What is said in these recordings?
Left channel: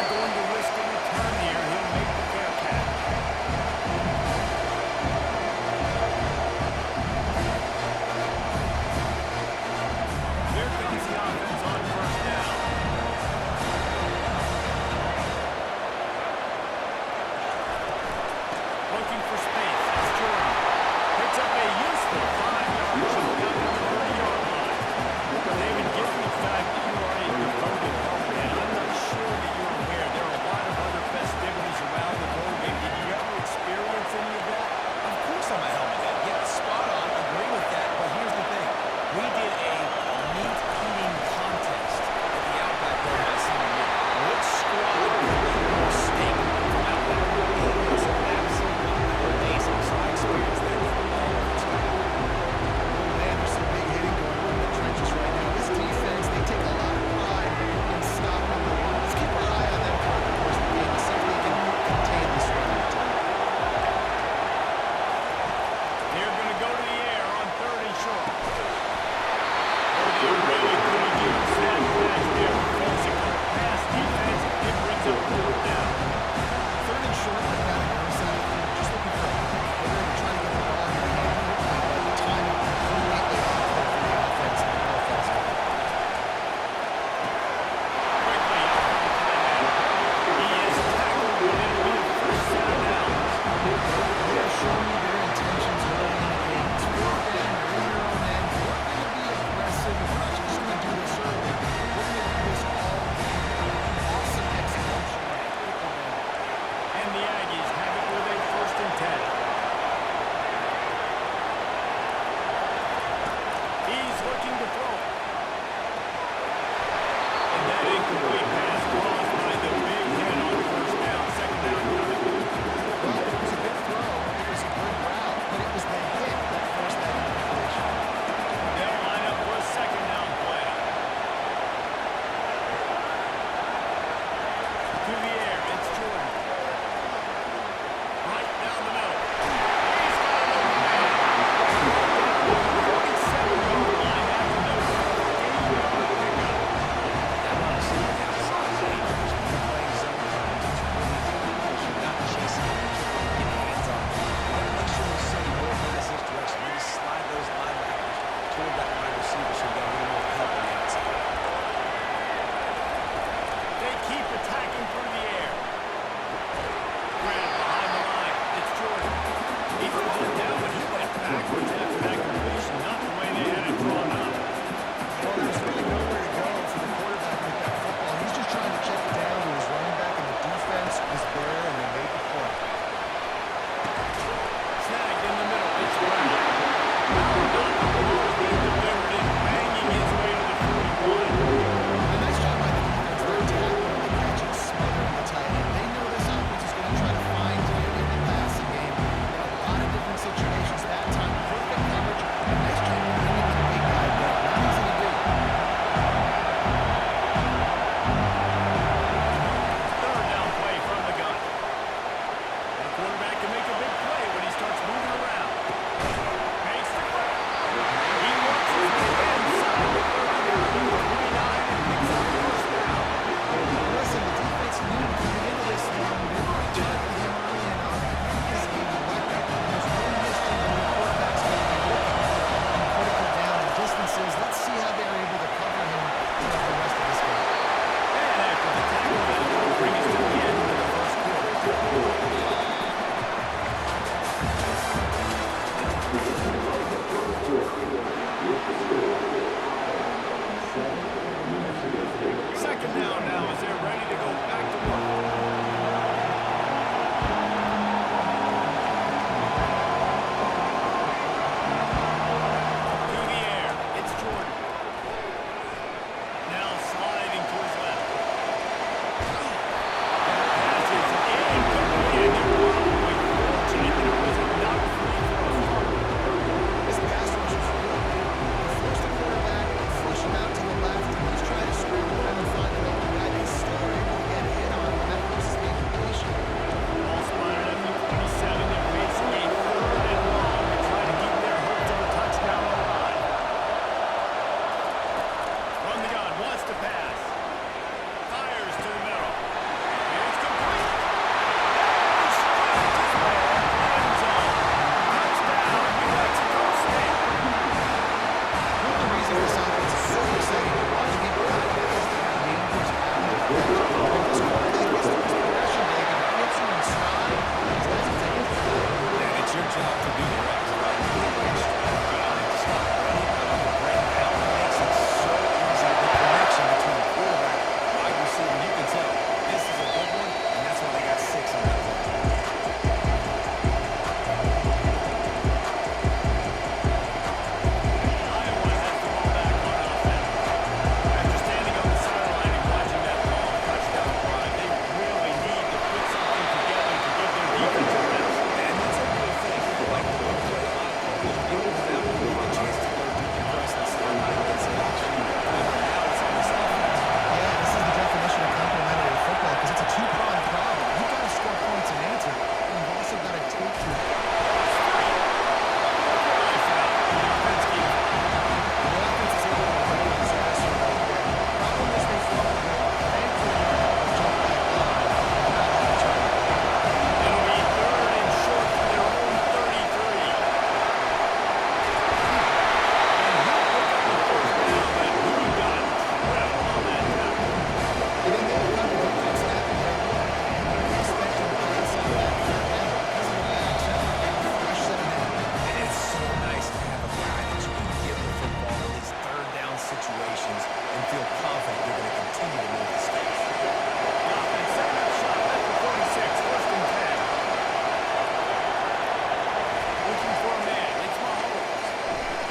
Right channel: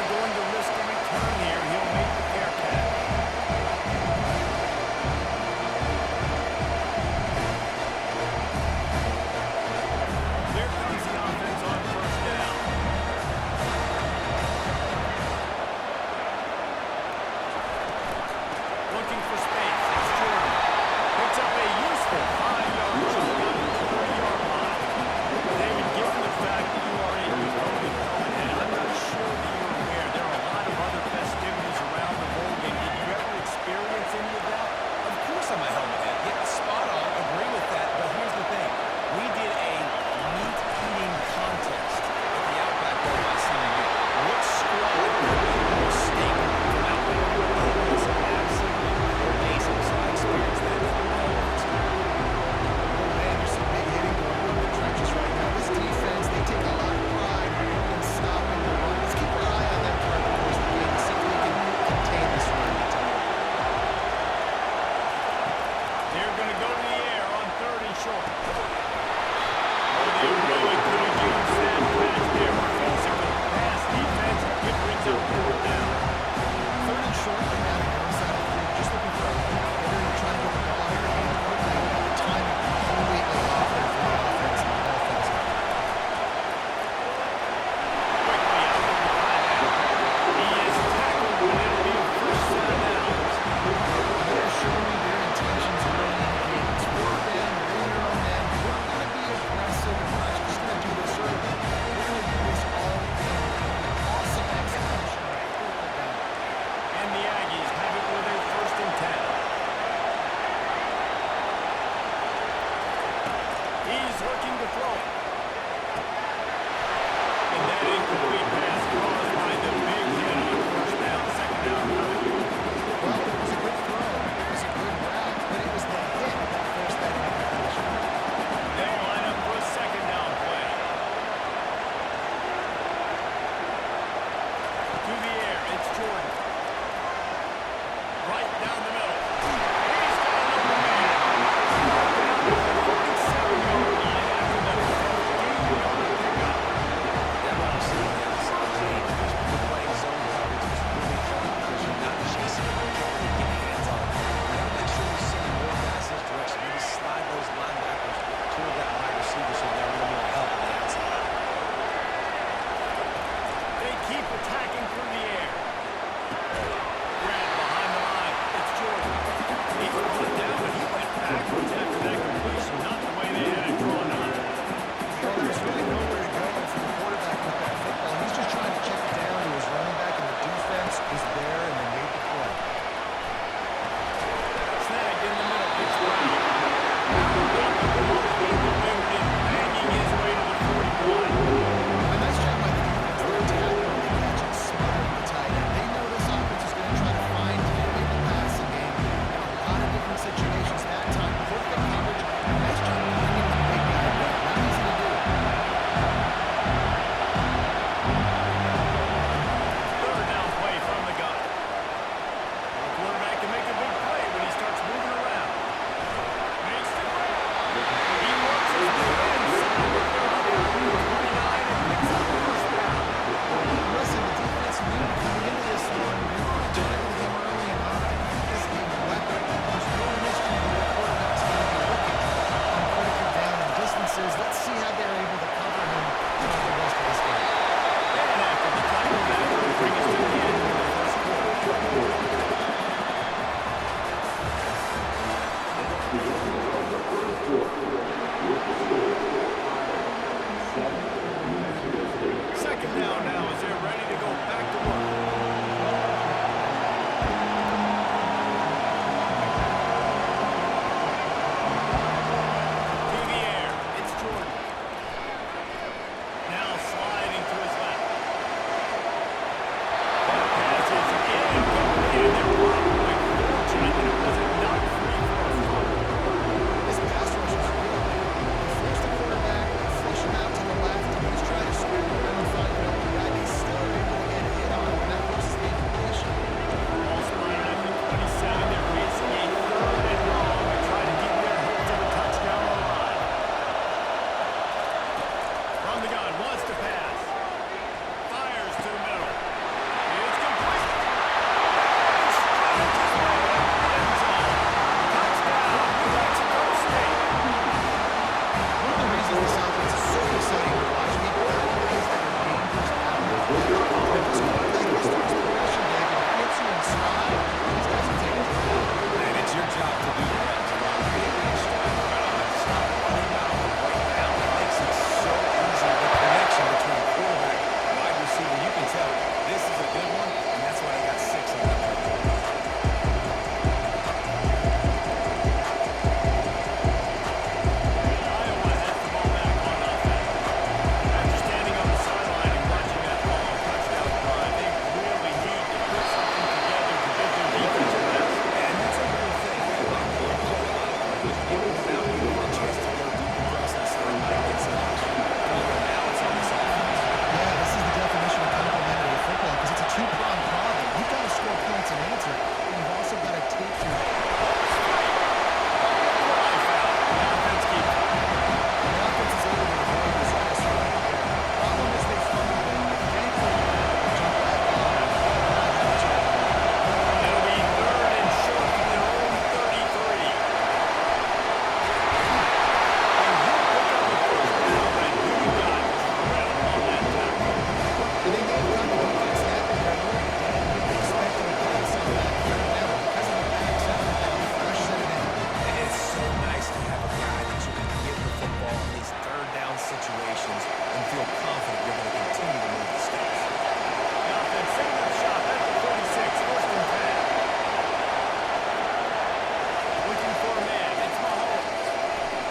not going to risk a return here. He'll make the fair catch. There comes the offense on first down. Looking for space. It's Jordan. Picks up a useful 5-yard chunk out to the 30-yard line. David, given the fact that you are a devoted helmet head, I'm not sure that you're aware there are a lot of other festivities around the bowl game. Did you ever experience any of that? Of course I'm a helmet head. Yeah, spot on. Agree with that. But here's the thing. We did a meat-eating contest at the Outback Bowl my senior year. What squad could eat more steak from Outback? It was absolutely amazing. So I experienced that in all of its glory. Oh, man, there's some big hitting going on in the trenches right now. This defense, they take a lot of pride in stopping the run. Let's keep our eye on them throughout the course of the game to see if they can contain this running attack. They're going to go to the air on 3rd and short. Oh, they really could have used that catch there. Physical pass defense. It brings up 4th down. 3rd and short, like down the other side of the field, just looking for a quick hitter and trying to get the ball in your hand quickly, but the timing completely off there for the offense, and the ball falls out. Quickly out from the timeout. He is tackled, but it'll be a first set of downs. They're showing me their intentions early in the game. It's 4th down, you're in your own end. We're going to be aggressive, and we're not just going to do this early. We're going to do this all game. Awesome execution on 4th down. And the Aggies have it with a 1st and 10. He's looking to throw it. And that incomplete pass caused by the big hit on 1st down. 2nd down coming. Well, it was a good throw. It was a good route, but it was the hit that forced that incompletion. They'll line up for a 2nd down play. To the air, it's Jordan. Right down the middle. He's got an open man. Brought down to the 47-yard line after the 15-yard pickup. That run is sitting the outside is dangerous. When you're playing zone coverage, it's really hard because you're not chasing it. You can't really get hands on it. You got to make sure you send more guys this direction. Maybe slide those linebackers toward that wide receiver so you got a little more help on the outside. They keep attacking through the air. Grab behind the line. It's Jordan. He threw it down, but he went backwards after that completion. Not the way they had it drawn up. Well, there's really nowhere to go for the quarterback with that football. He's just trying to check it down to his running back, and the defense was there, and they made the play. Snagged in the middle. It's Brown. Brown got the ball. He delivered it, banging his way to the 41. A nice job by the defense. They're tackling the catch and smothering the tight end. They know this offense is going to try to find him in the passing game in a lot of different situations. That time, perfect coverage, and nice job bringing the big guy down. Not easy to do. 3rd down play from the gun. The quarterback can make a big play when he starts moving around. Makes the grab. He works his way inside the 30 down to the 29. a good one, and that's why they got 6 on that play. Iowa has the ball back on offense. After standing on the sideline and watching that long touchdown drive, they really need to put something together to give their defense a rest. And that's a real thing. Like the play, a lot of players get without you get a chance to go deep and press the sideline, get some action. However, now it's on this offense. Yeah, this is the definition of complementary football because it's a two-pronged problem. You've got to score points and answer, and you've also got to take your... Ball's free. Look what I found. The offense keeps it. The offense is able to avoid disaster right there. Problem is they fumbled it. Thankfully, they're able to jump back on and not have a turnover. It'll be 3rd and short from their own 33. And he'll pick up the first down, but he got drilled on that tackle. And they may have got the defense snapping there a little bit, Dan. They were expecting a pass on that third down, but because of the back's effort now, Fresh set it down. It's so nice to have a guy that you can give the football in these third down situations and feel confident you're going to continue to move the stakes. The offense setting up shop at the 46, 1st and 10. Looking for a man. It's Mahomes.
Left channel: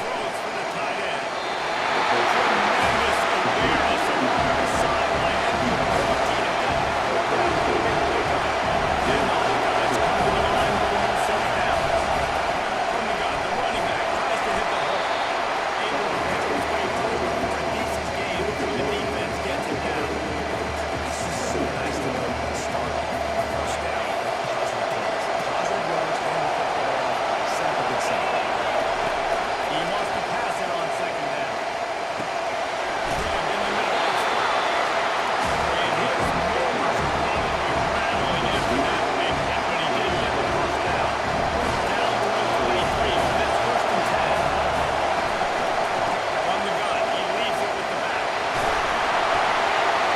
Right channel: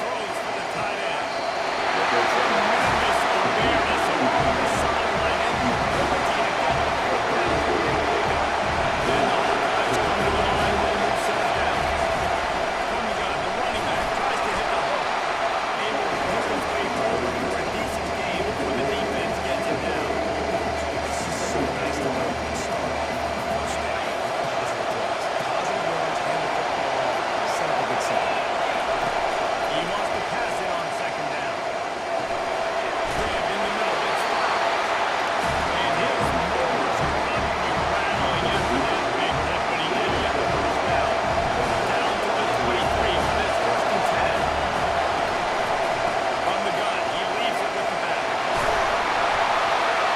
Throws for the tight end. Tremendous awareness along the sideline and the ability to get the foot down for a big pickup. And the Hawkeyes come to the line with a new set of downs. From the gun, the running back tries to hit the hole. Able to pick his way forward for a decent game before the defense gets him down. It's just so nice to know you can start off on the first down with positive plays. Positive yards, hand the football off, set up a good second. He wants to pass it on 2nd down. Grabbed in the middle. It's fouled. And his motors are probably rattling after that big hit, but he did get the first down. Down to the 23 for this 1st and 10. From the gun, he leaves it with the back.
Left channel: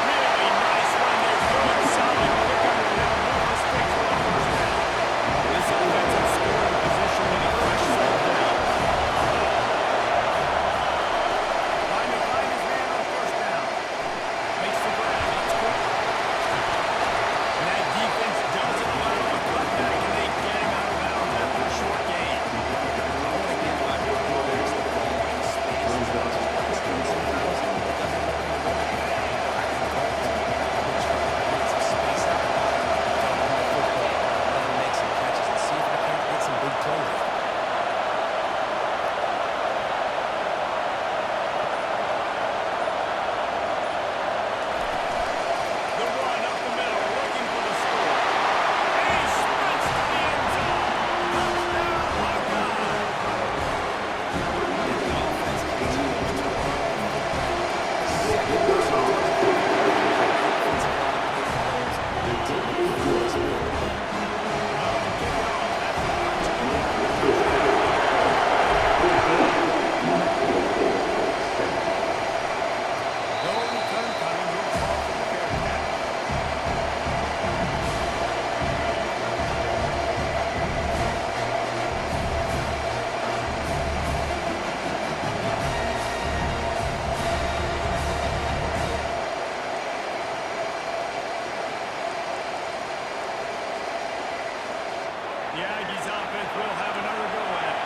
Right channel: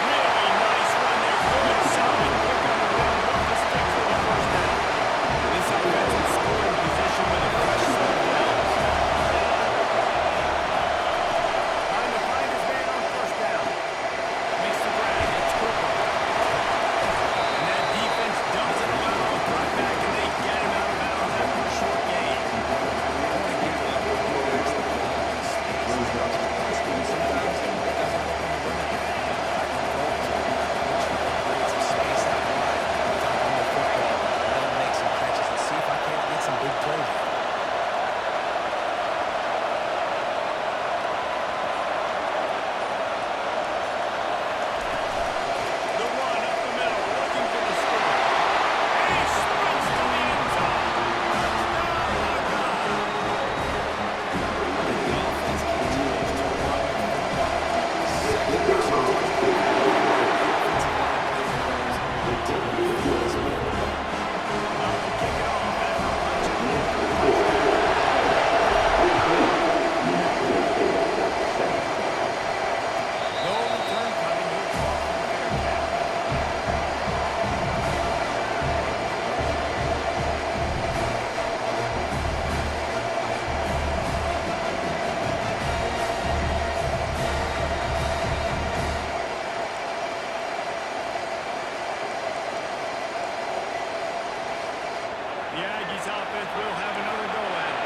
Really nice run there. Good, solid pick under them. Move the sticks for the first down. This offense in scoring position with a fresh set of downs. Trying to find his man on 1st down. Makes the grab. It's Cooper. And that defense doesn't allow a cutback, and they get him out of bounds after a short gain. I want to give my quarterbacks the ball in space as much as possible. Sometimes it doesn't work in the running game. I can go to make sure I create some space out wide, dump him the football, let him make some catches, and see if I can't get some big plays out. The run up the middle, looking for the score. And he sprints to the end zone. Touchdown, Hawkeye! And the offense continues to run the football. Second mission touchdown. The offensive line plays plays. Continue to feel this way in the ball. About to kick it off after punching it in for the touchdown. No return coming. He'll call for the Bearcats. The Aggies offense will have another go at it.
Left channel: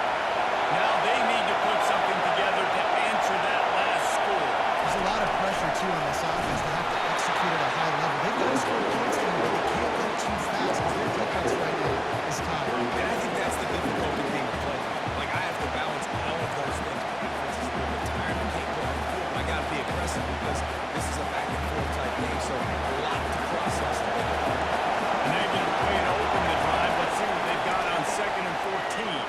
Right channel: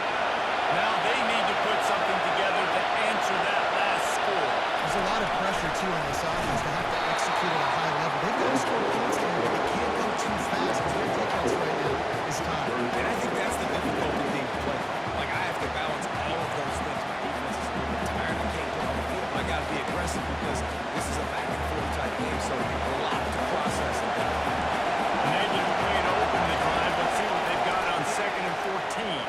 Now they need to put something together to answer that last score. There's a lot of pressure, too, on this offense to have to execute at a high level. They've got to score points here, but they can't go too fast because their defense right now is tired. And I think that's the difficulty thing to play. Like, I have to balance all of those things. My defense is a little bit tired. I can't get on the field, but I got to be aggressive because this is a back-and-forth type game, so a lot to process and think about. A negative play to open the drive. Let's see what they've got on 2nd and 14.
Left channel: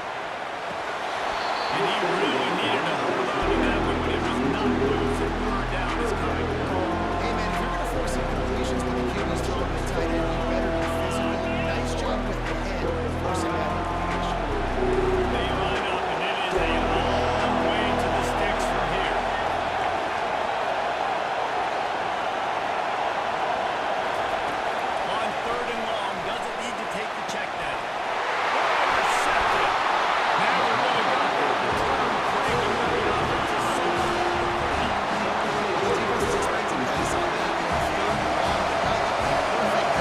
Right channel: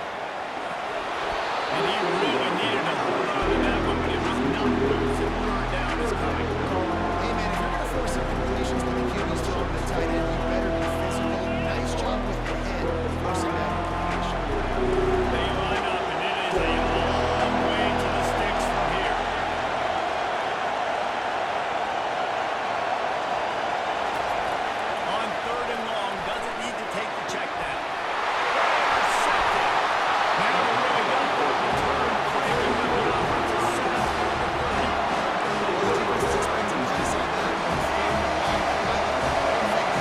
And he really needed to hold on to that one, but it was not loose, and 3rd down is coming. Hey, man, if you're going to force incompletions when the QB's throwing to the tight end, you better be physical. Nice job with the head, forcing that incompletion. They line up, and it is a long way to the sticks from here. On 3rd and long, doesn't need to take the check down. Intercepted. Never really got that return, breaking with the offensive set up at the 30. Well, the defense is expecting pass on that one. 3rd and long, the guy looked perfect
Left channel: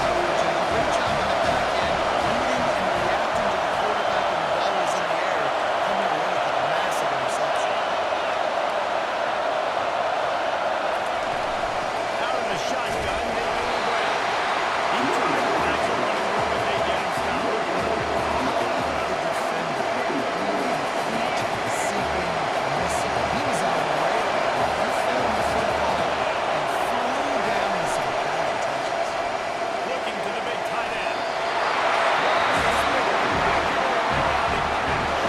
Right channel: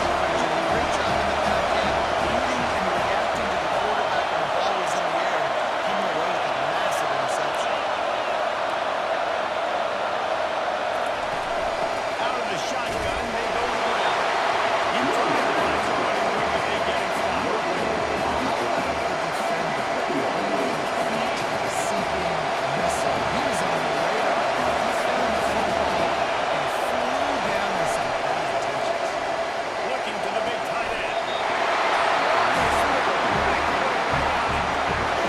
to the big tight end. What a spectacular layout and catch.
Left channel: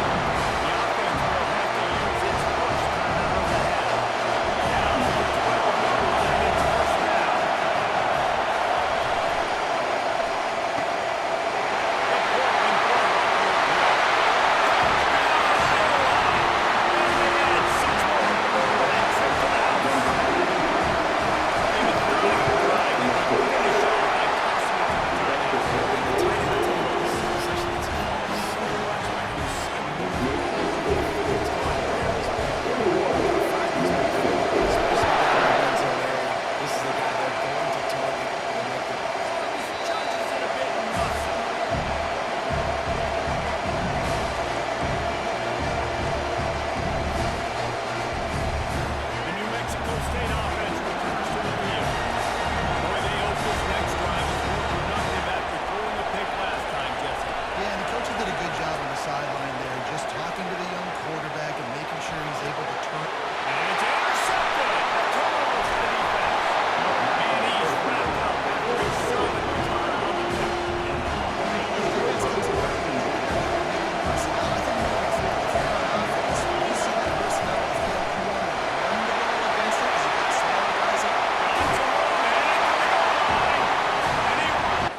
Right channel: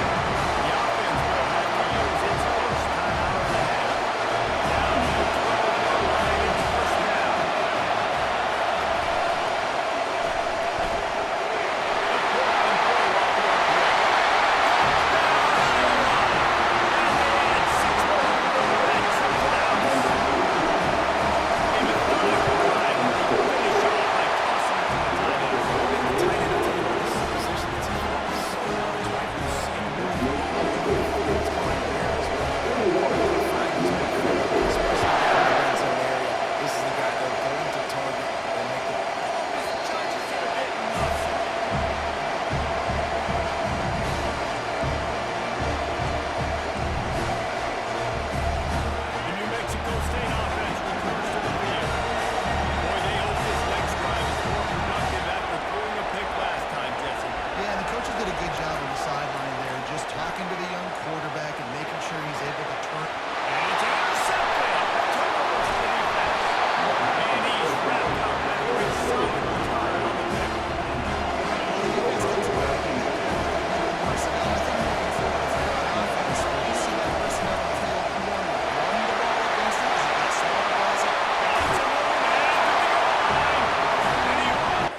The offense will have to use its first timeout of the half. Down to the 12-yard line, it's first down. The Portland throw off the RPO. Touchdown, Iowa! And they add 6 more to go with that trip to the house. A methodical drive, and they finish off by tossing it to the tight end. And the tight end, I tell you what, this is a position that's evolved so much, right? You see him move the ball over the field. It's going where is it? Find these big field, especially down in the red zone area. This is the guy they're going to target and make the Judges it a bit and muffs it. The New Mexico State offense returns to the field. Boy, they hope this next drive is more productive after throwing a pick last time, Jesse. Yeah, and the coaches did a good job on the sideline there, just talking to the young quarterback and making sure he's able to turn. And it's intercepted. A turnover for the defense. And he's wrapped up after a solid return on the pick. Well, the defense comes away with personnel. I think moving forward, if you're on offense, when you see that personnel on the field, you want to run the ball against it because you've got smaller guys up. Got some room, headed to the goal line. And he runs.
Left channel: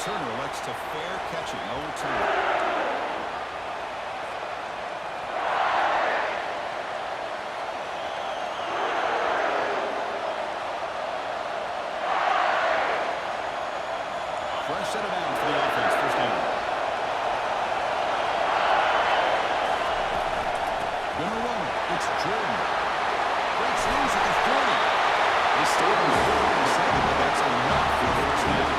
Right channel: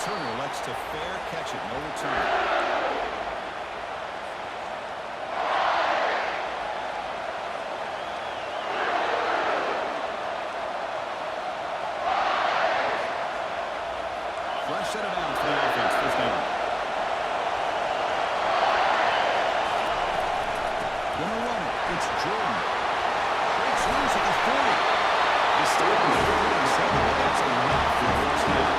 returner elects to fair catch it. No return. Fresh set of downs for the offense. First down. Gonna run it. It's Jordan. Breaks loose at the 40. They stop him at 47, but that's enough for the first down.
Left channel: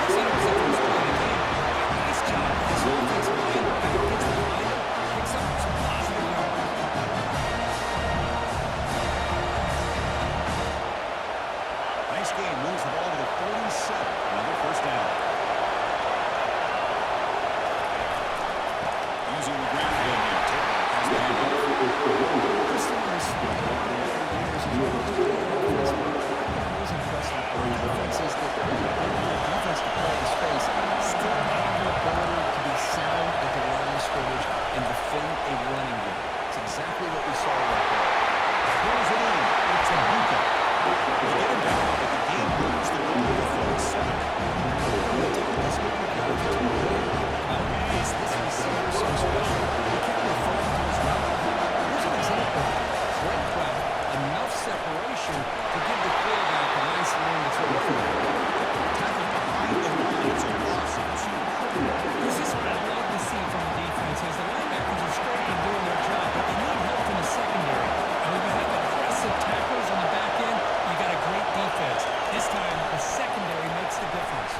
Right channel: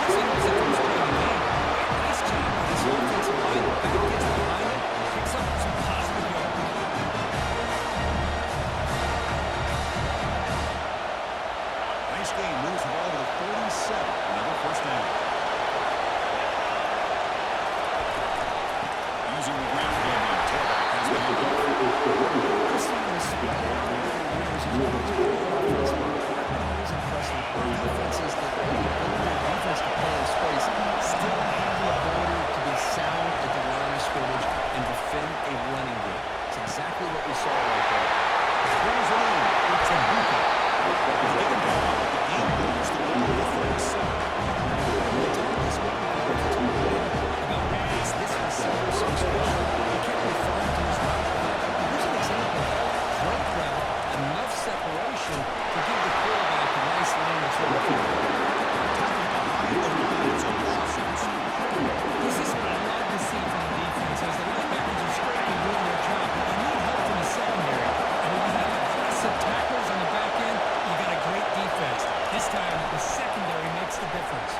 Actually, it was the first play of the game. Nice job with this offensive line. The back gets behind him, picks up some positive yards. Nice game. Moves the ball to the 47. Another first down. Using the ground game here. Tailback has the handoff. I've seen this spread out over the years. He's always played offense. I've been always impressed with defenses that really build their defense to play in space, still have the ability to be sound at the line of scrimmage and defend a running game. It's exactly what we saw right there. Pulls it in. It's a Buka. They get him down, but the game moves the ball to the 47. We talked this week with the offensive coordinator about this receiver so special. He kept referring to his route running. Here's an example of that. Great route, enough separation to give the quarterback a nice lane to throw the football. Tackled behind the line. It's a loss of 2. This is what I love to see from the defense, as the linebackers are scraping doing their job, but you need help from the secondary. And when you have aggressive tackles on the back end, you got a great defense. This time, the secondary makes the difference.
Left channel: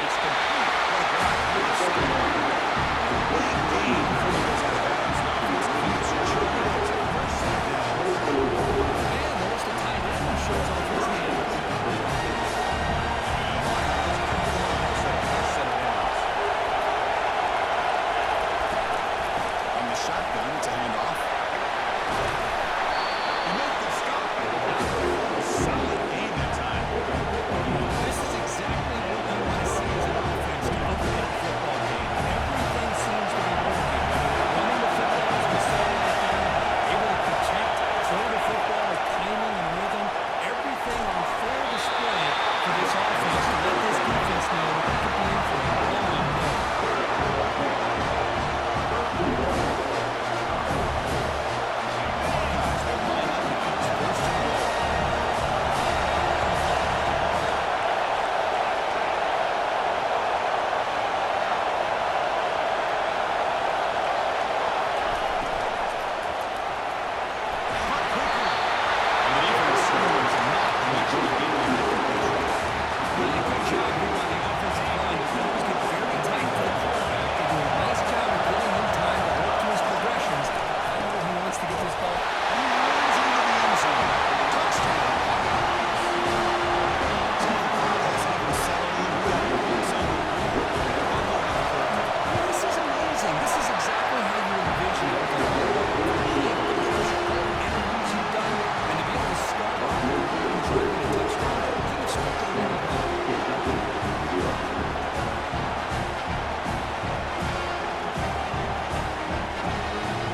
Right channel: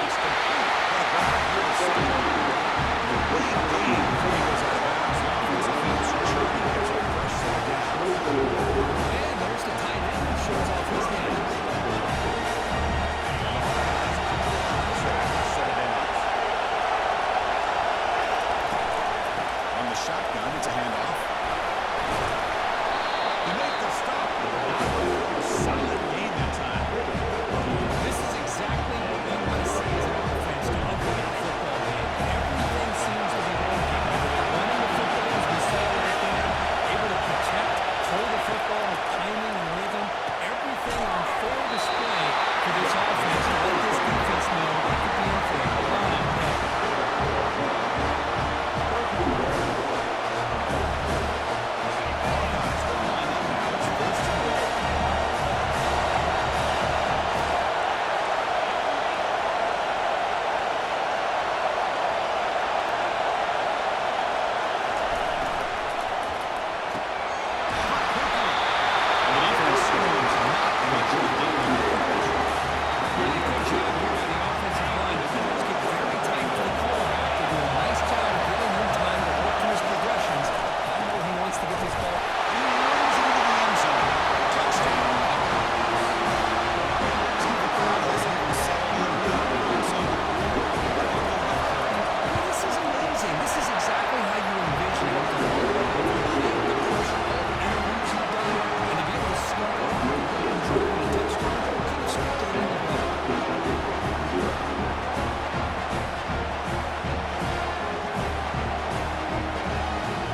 It's complete. What a grab. Here's Stone. And a big game before he goes out of bounds. The offense keeps churning. Gets a fresh set of downs. And there's the tight end who shows off his hands. And the Hawkeyes come to the line. Set a fresh set of downs. On the shotgun, it's a handoff. You make the stop. A solid game that time. This is exactly what you want to see as an offense to open up a football game. Everything seems to be working. Whether they're running the football, as we saw right there, able to protect, throw the football with timing and rhythm, everything on full display for this offense to let this defense know they could be in for a long day. Hawkeyes will line up now. It's first and goal. Caught quickly. And the defense screams not much to gain on that completion. Really good job here by the offensive line. The numbers get very tight to the quarterback. They do a nice job of giving him time to work through his progressions. I know he wants to get this ball. He runs into the end zone. Touchdown, Hawkeyes. Some of the crowd hasn't even settled in yet. It's on the board. Marco Albuquerque. Well, this is amazing. This is exactly how you envision it. With the long ball, the height, the pressure, all the interviews you've done, and to be able to start off with a drive and a touchdown, couldn't have scripted it any better.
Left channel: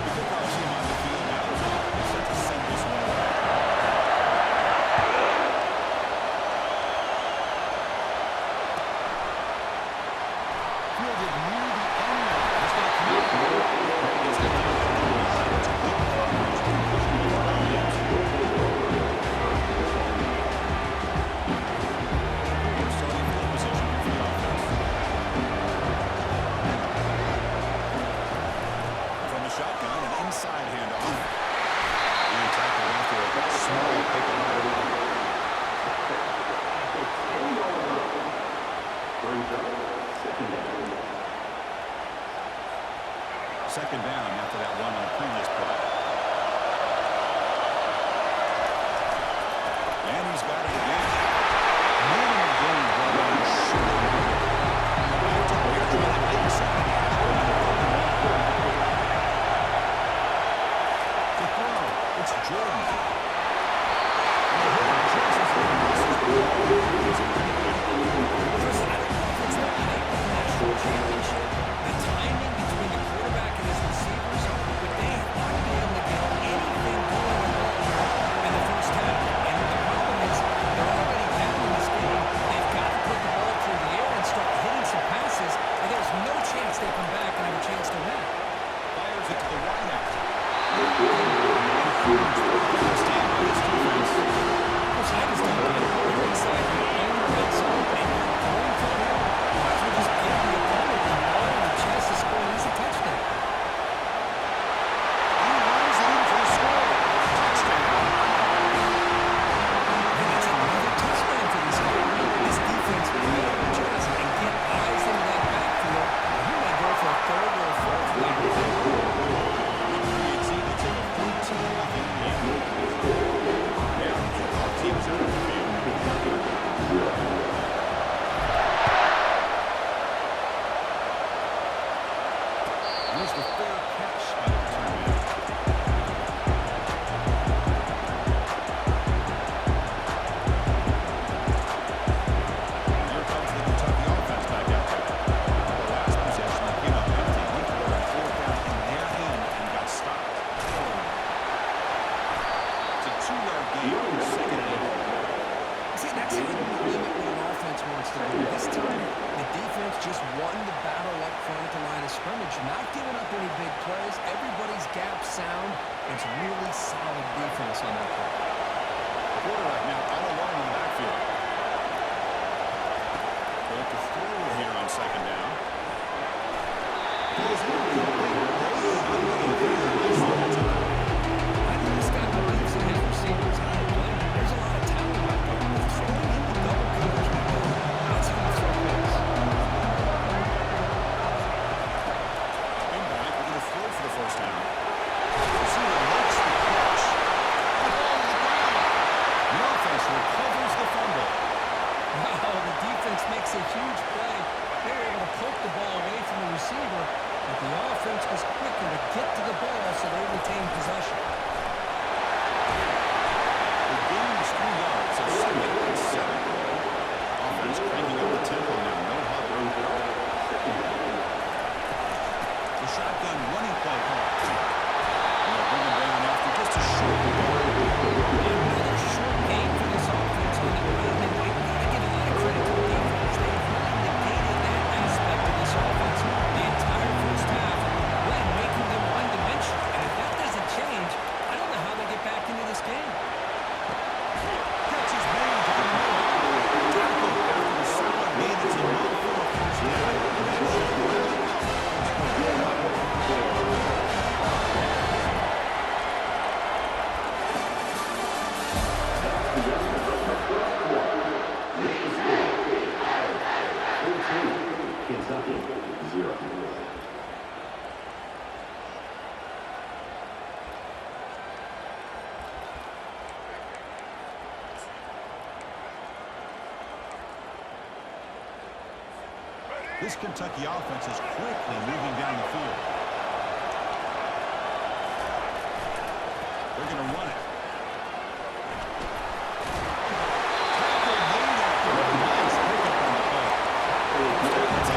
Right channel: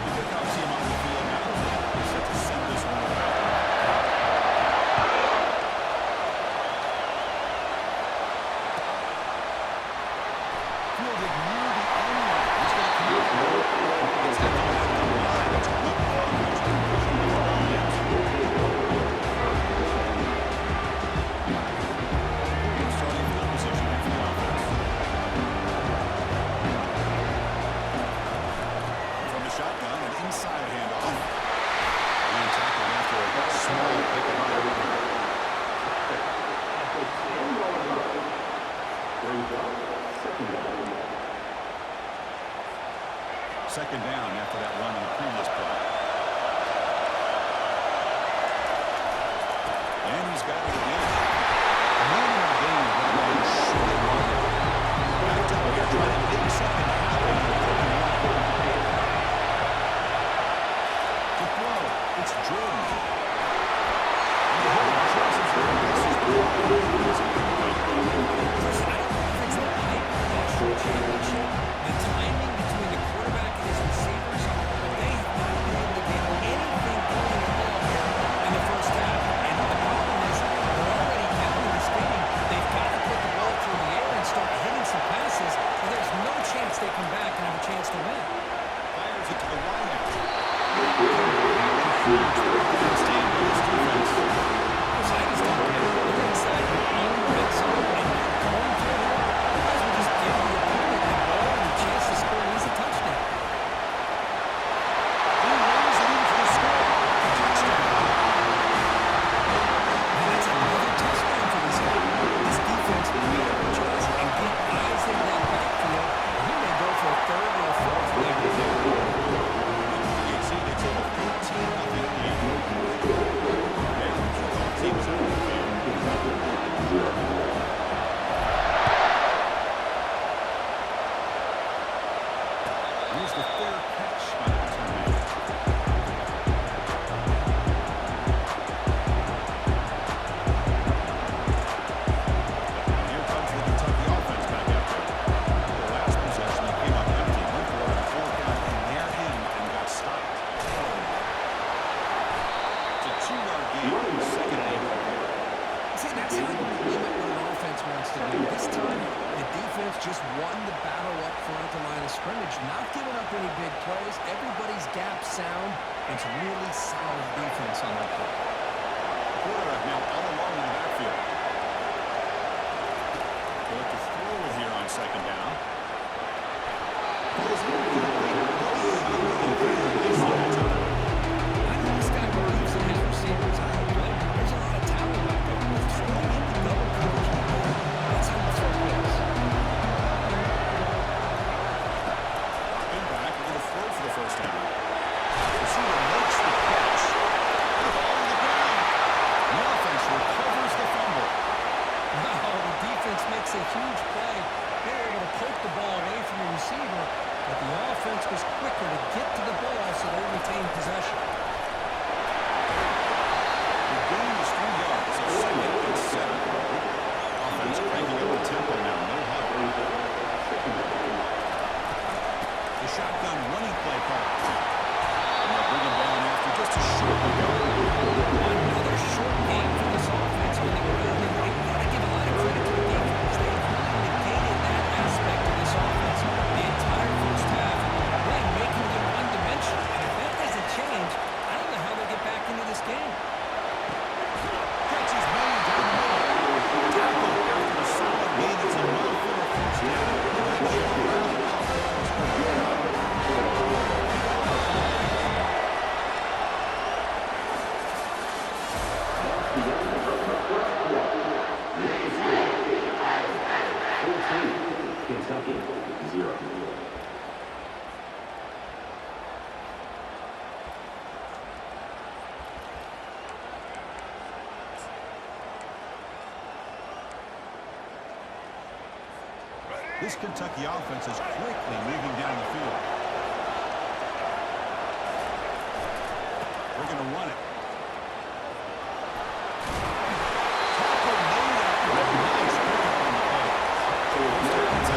The kickoff team on the field now is set to send this one away. Fielded near the end line. He's going to come out. Gets that ball at the line. It's good coverage. Conclusion with Bryant. Starting field position here for the offense. From the shotgun, an inside handoff. And tackled after a small pick of iron. Second down after that run on the previous play. And he's got it again. Minimum gain brought on short marker. Back up here trying to make something happen on the open line. To throw, it's Jordan. And the hole chases it and misses the ball. It's incomplete. Chris, I don't know if it's the hype of the national championship, the timing between the quarterback and his receivers, but they have not been able to get anything going at all here in the first half. And the problem is they're already down in this game. They've got to put the ball through the air and start hitting some passes, and there's no chance they come back and have a chance to win. Fires it to the wideout. And huge third down stand by this defense. Chris, I just don't get it. You're inside your own red zone, and you're going for it here. You might as well just give the opponent the ball and a chance to score an easy touchdown. catch by the return man. Here comes the Kentucky offense back out there. The last possession, they came up empty, went for a 4-count in their end and got stopped. It's a 2-yard gain, second and 8. See, that's how you limit what an offense wants to do. This time, the defense just won the battle up front at the line of scrimmage, not giving up any big plays. Everybody's gap sound. It's really solid defense on that play. The quarterback now all alone in the backfield. They'll look to throw it here on second down. Goes incomplete. I know this guy believes in his receivers. I don't blame him. There's a lot of talent out there. But throwing into double coverage like that, that's how you throw picks. Dropping back, we're going to throw for the first down. Receiver makes the catch. And the ball to the ground. The offense recovers the fumble. Wow, the defense makes a huge play. They were able to poke the ball away from the receiver, but the offense was quicker to get to the ball, so they retained possession. The gain is 3 yards, so second and 7. Offense cranking up the tempo now, no huddle. The shotgun running play call. And they'll bring him down after just a short ago. Another short game for this offense on the ground, and they've got to give a lot of credit to the defense. They have really negated that aspect of this offense the entire first half, really making them one-dimensional. And if that doesn't change, I don't know how they get back into this game. Catch is made down the middle. Tackle after a solid gain. It's enough for a first down. That should wrap up the first quarter. Kentucky, 0. This Kentucky offense is quickly moving down the field. They're going to run it. Tackle made after a nice pickup on the play. First down and 10.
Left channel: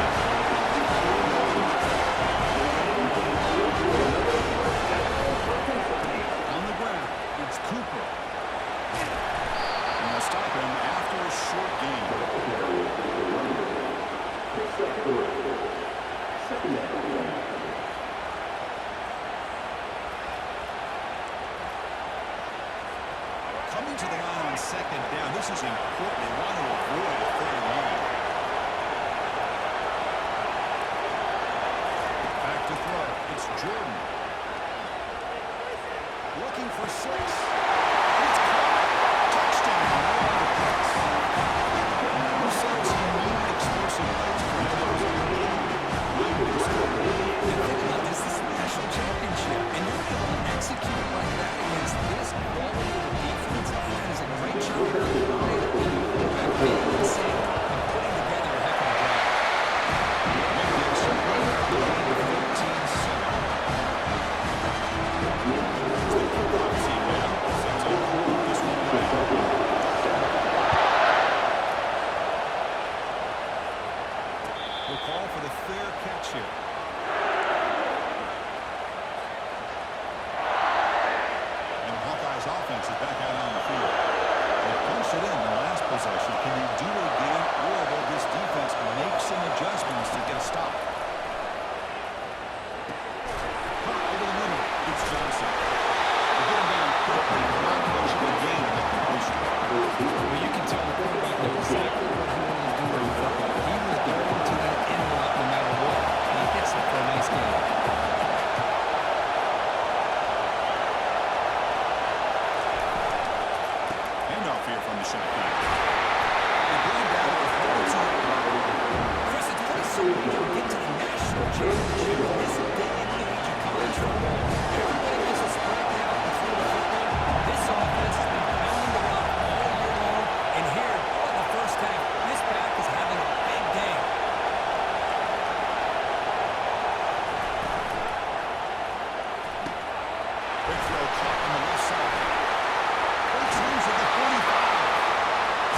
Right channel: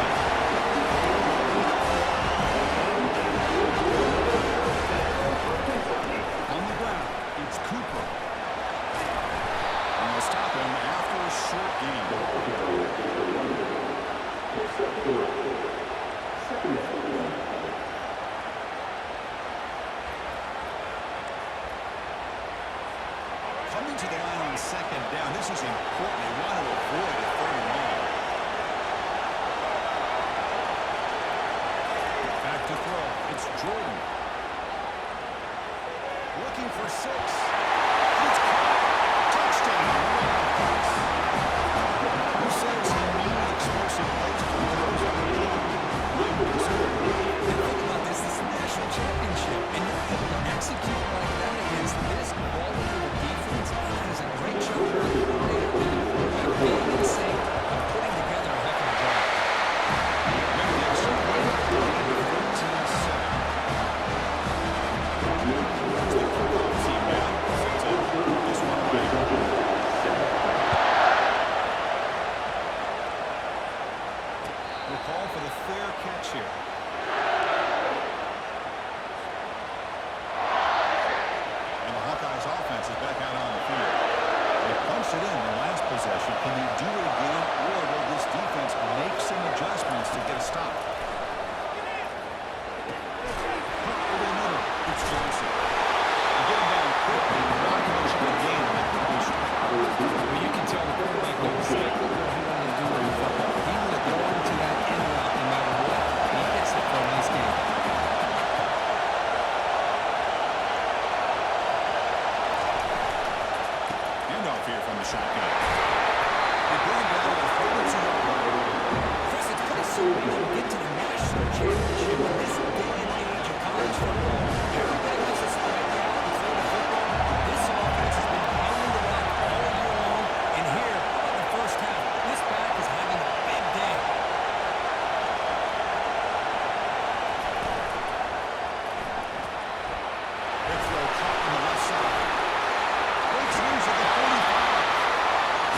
On the ground, it's Cooper. And they'll stop him after a short gain. Second down. Coming to the line on second down, this is important. They want to avoid a third and long. Back to throw. It's Jordan. Looking for 6. And it's caught. Touchdown. Wildcats. Who says you need explosive plays from those on the field? And think about this is a national championship, and you're able to execute like that against this quality of a defense. That is a great job by the coordinator and the quarterback being in sync and putting together a heck of a drive. Make the extra point after the lead of 14-7. It's the kickoff team now. Sets up this one away. We'll call for the fair catch here. And the Hawkeyes offense is back out on the field. They punched it in the last possession. Can they do it again, or will this defense make some adjustments to get a stop? Punt over the middle. It's Johnson. They get him down quickly. Not much of a gain on that completion. Well, you can tell the quarterback knew exactly what he wanted to do with the football. He was going to that end route no matter what. He hits it for a nice game. Handoff here from the shotgun. They bring him down to the 42-yard line. Chris, it's pretty simple to get to the national championship in this day and age of college football. Everybody wants to spread you out and throw the football. This offense has been pounding the rock all year long, and here, how about the first half? This back is having a big day. Quick throw caught on the left side. Breaks loose at the 45.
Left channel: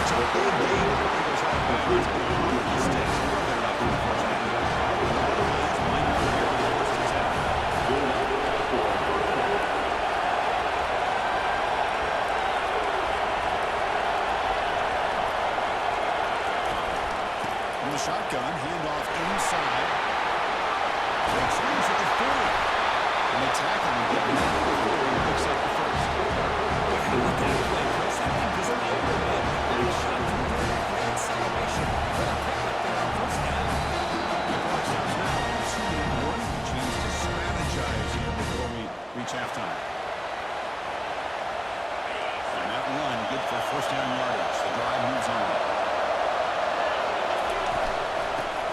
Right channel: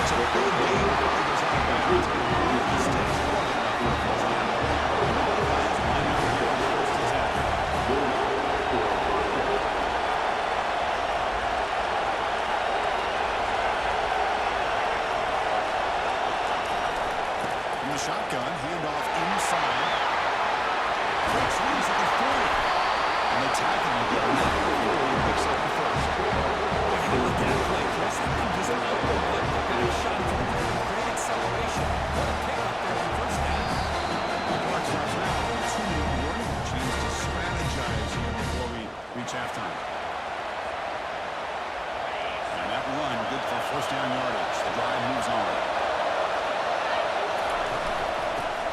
It's a big game. He goes out of bounds. He stays more than enough for the first down. And all the guys line up here on the first and 10. Good enough for a first down. From the shotgun, handoff inside. Breaks loose at the 40. And they tackle him and get him out before he picks up the first. How about that play, Chris? That thing just out the butt. Back shot through there with great acceleration. What a pickup there on first down. The clock stops now. 2-minute warning. A chance to strategize here before we reach halftime. And that run, good for first down yardage. The drive moves on.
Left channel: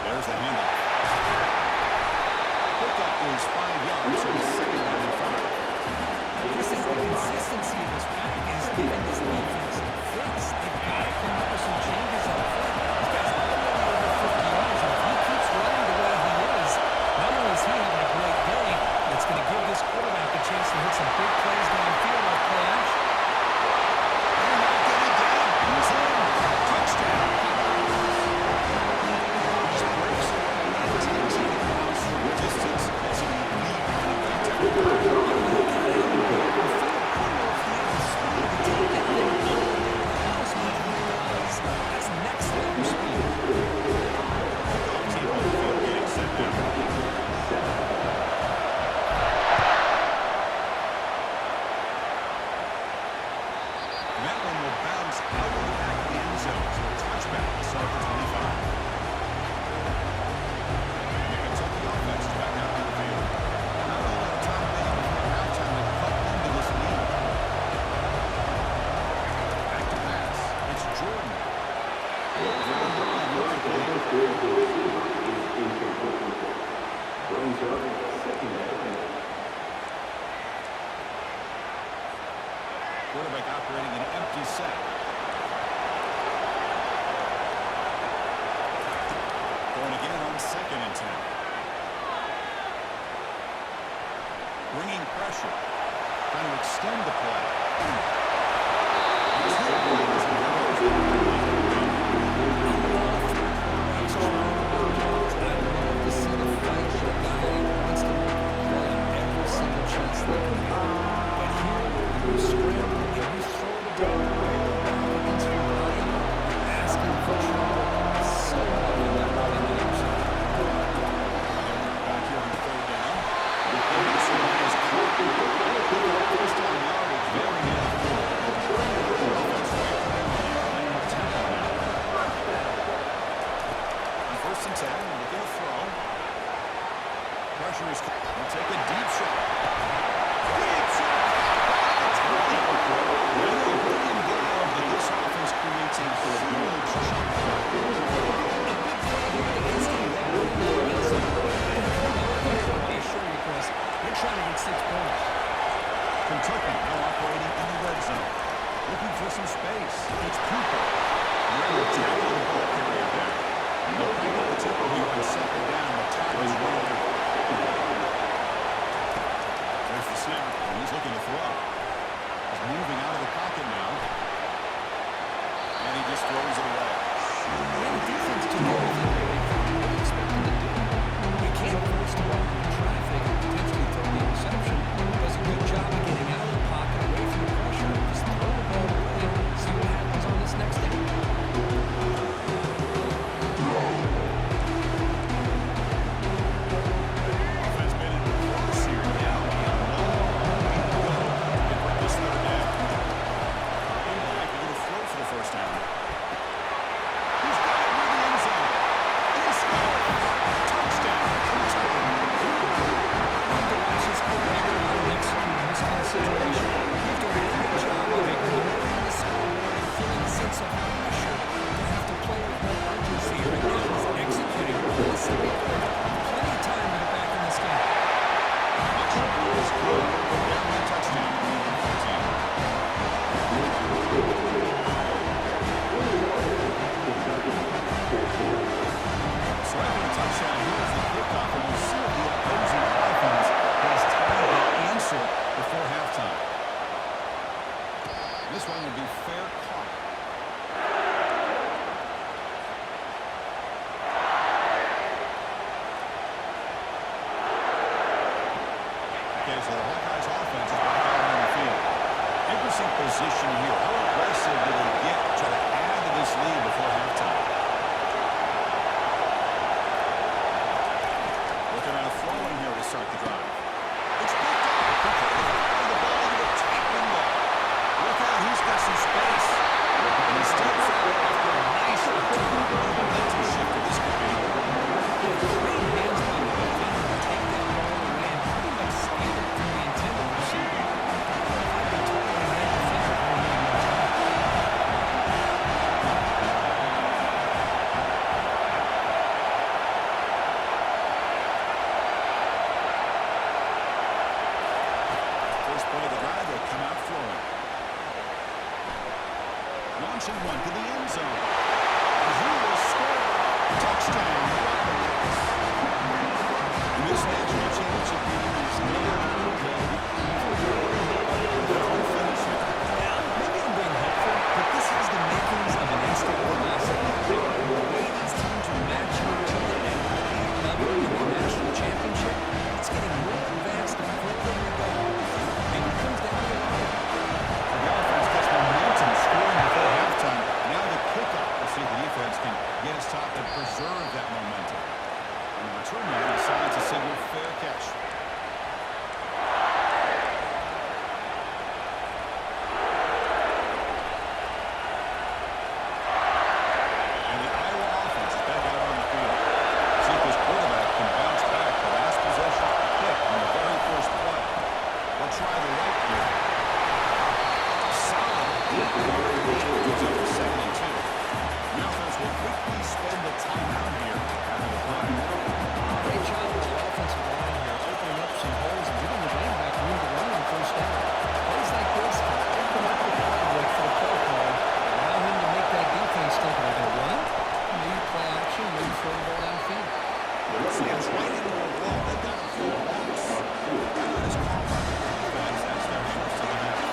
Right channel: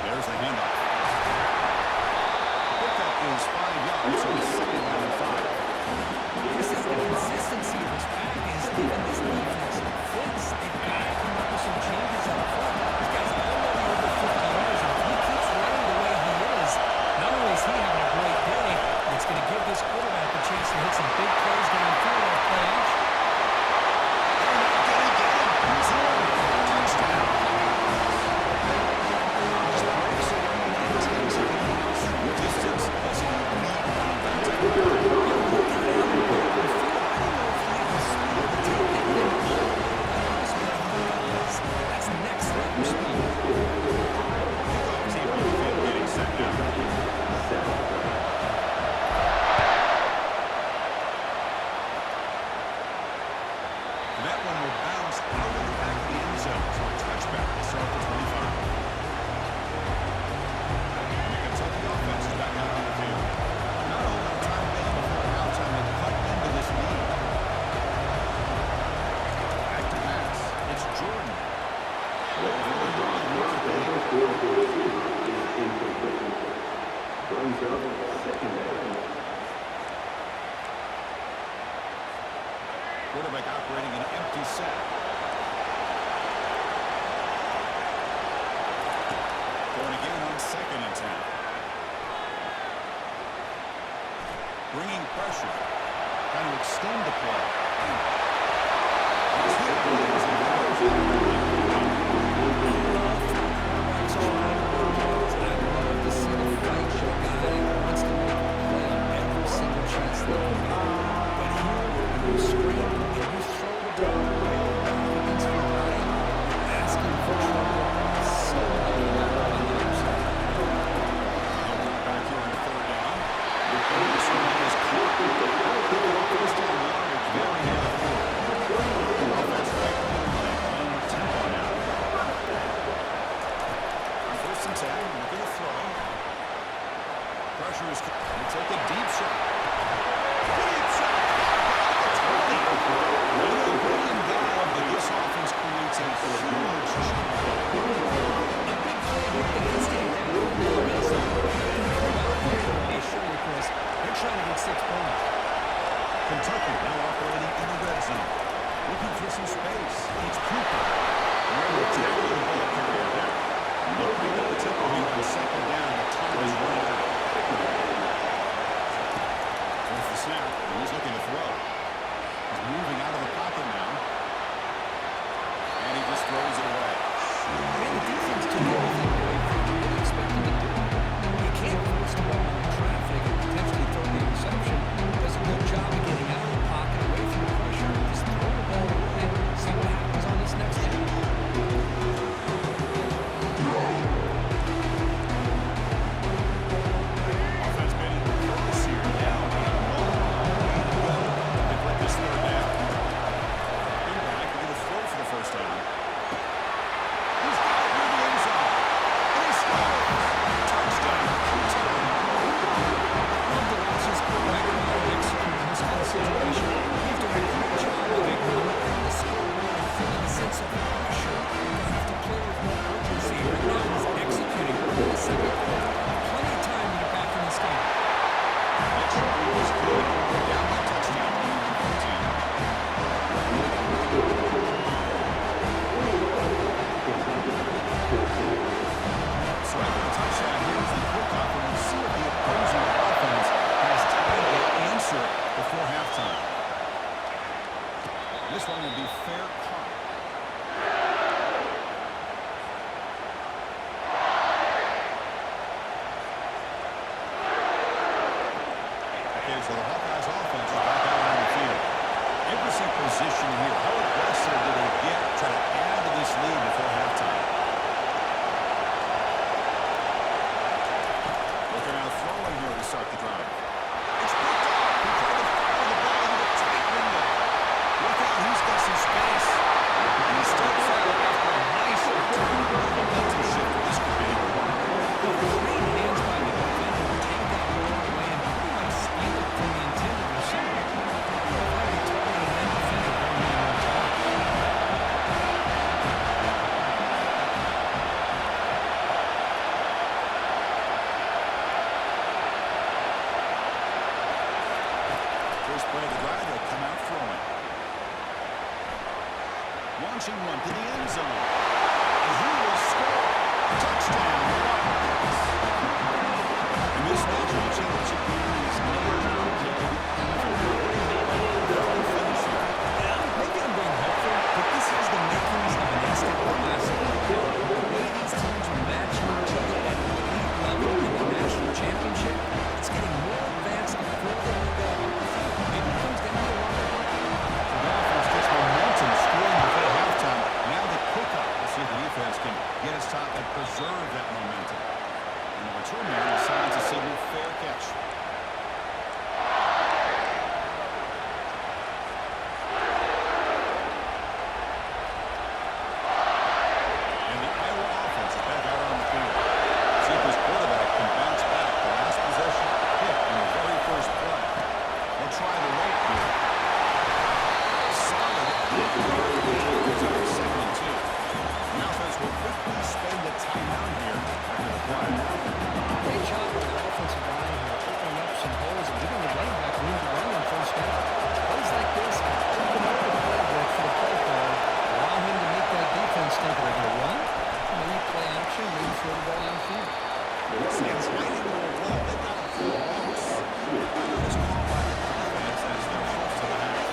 There's the handoff. Pickup is 5 yards, so it's second down and 5. Chris, the consistency of this pack is giving this defense fits. They've got to come up with some changes up front. This guy's already over 50 yards, and if he keeps running the way he is, not only is he having a great day, but it's going to give this quarterback a chance to hit some big plays downfield off play action. They're not going to get him. He's in. Touchdown. Just breaks away and takes it in the house from distance as an elite running back. He got out in the open field. I don't know if he had the speed to take that thing all the way to the house, but he does. That's next level speed. Kickoff team on the field getting set now. And that one will bounce out of the back of the end zone. So a touchback will start the 25. And the Kentucky offense is back out on the field. Not a whole lot of time remaining before halftime to cut into this lead. Back to pass. It's Jordan. Over the line. Looks at the Receiver is incomplete. Brings up second down. quarterback operating an empty set. Going again on 2nd and 10. Bringing pressure. Trying to extend the play. He's hit plays and I love to see the fight with a guy who wants to make a play on every single chance they can get. But here, when you scramble and you throw the ball away against your line, you're asking for trouble. So lucky that ball didn't get intercepted. back here on 3rd down. This one is caught. That'll pick up first down yardage. Very near the field. Offense right playing with tempo now. On 1st and 10, looking to throw. Pressure is. He'll take a deep shot. Deep shot. Back at 20. And they'll bring him down, but this offense creates a huge chunk play. A big play here that gets him down in the red zone. I assure you, Chris, they're trying to get 6 points. Kentucky now operating in the red zone. Looking for some space. It's Cooper. We're able to tackle the ball carrier there. They'll crank up the tempo here on 2nd down. The time is running out. There's the snap, and he's looking to throw. He's moving out of the pocket now. And he just throws it away. Man, the defense took everything away from him. What do you expect him to do? You can't force the ball into traffic and potentially throw the interception. Does a good job of getting out of the pocket, away from the pressure. Just throw the ball away. See what happens on this next down. Offense been in reverse here. Now a long way to go to break this 3rd down. Dropping back, they're going to throw for the first down. He's got it near the end zone. And he scores. Touchdown, Kentucky. before halftime. This one will be fair caught. Okay, so the Hawkeyes offense is back out on the field. Interesting position here. How aggressive do they get to try to add to this lead before halftime? Looking out throwing here to start the drive. It's picked off. He tried to fire the ball into a tight window. Look out, he's got some space. And he steps out after a nice return. What a momentum shifter this could be. Great hands by the defender to take that ball away and pretty much steal it from the intended receiver. I don't know if I'd be targeting that defender very many more times. First play of the drive, they come out throwing. Launching one to the end zone. And who will score? Touchdown, Wildcats. And this national championship game is near dead even. What do you think about the full finish here? Yeah, maybe I'm being hopeful, but this has the makings of an instant classic. The way these teams are matching each other at elite level in the national championship, it's getting more advanced the further we go. Maybe it comes down to the line. So the offense gets momentum scoring before halftime. Now the kickoff. We'll see if the defense can get a stop and preserve that momentum. And the return man decides to signal fair catch. And the Iowa offense is back out on the field. See if this quarterback can bounce back. The last possession hit in the very first play. They'll try the right here. Solid deep-yard gain. Goes up to 2nd and 2. The offense will quickly spend the timeout here after the play. Great job by the offensive line here, opening up some holes and giving the running back room to run on first down. Plays like this can open up the playbook for the play caller, allow him to make that defense think, are they going to run? Maybe play action, maybe throw the ball downfield. Stands right into a wall. They've got him full loss. That is called by the defense as their first of the half.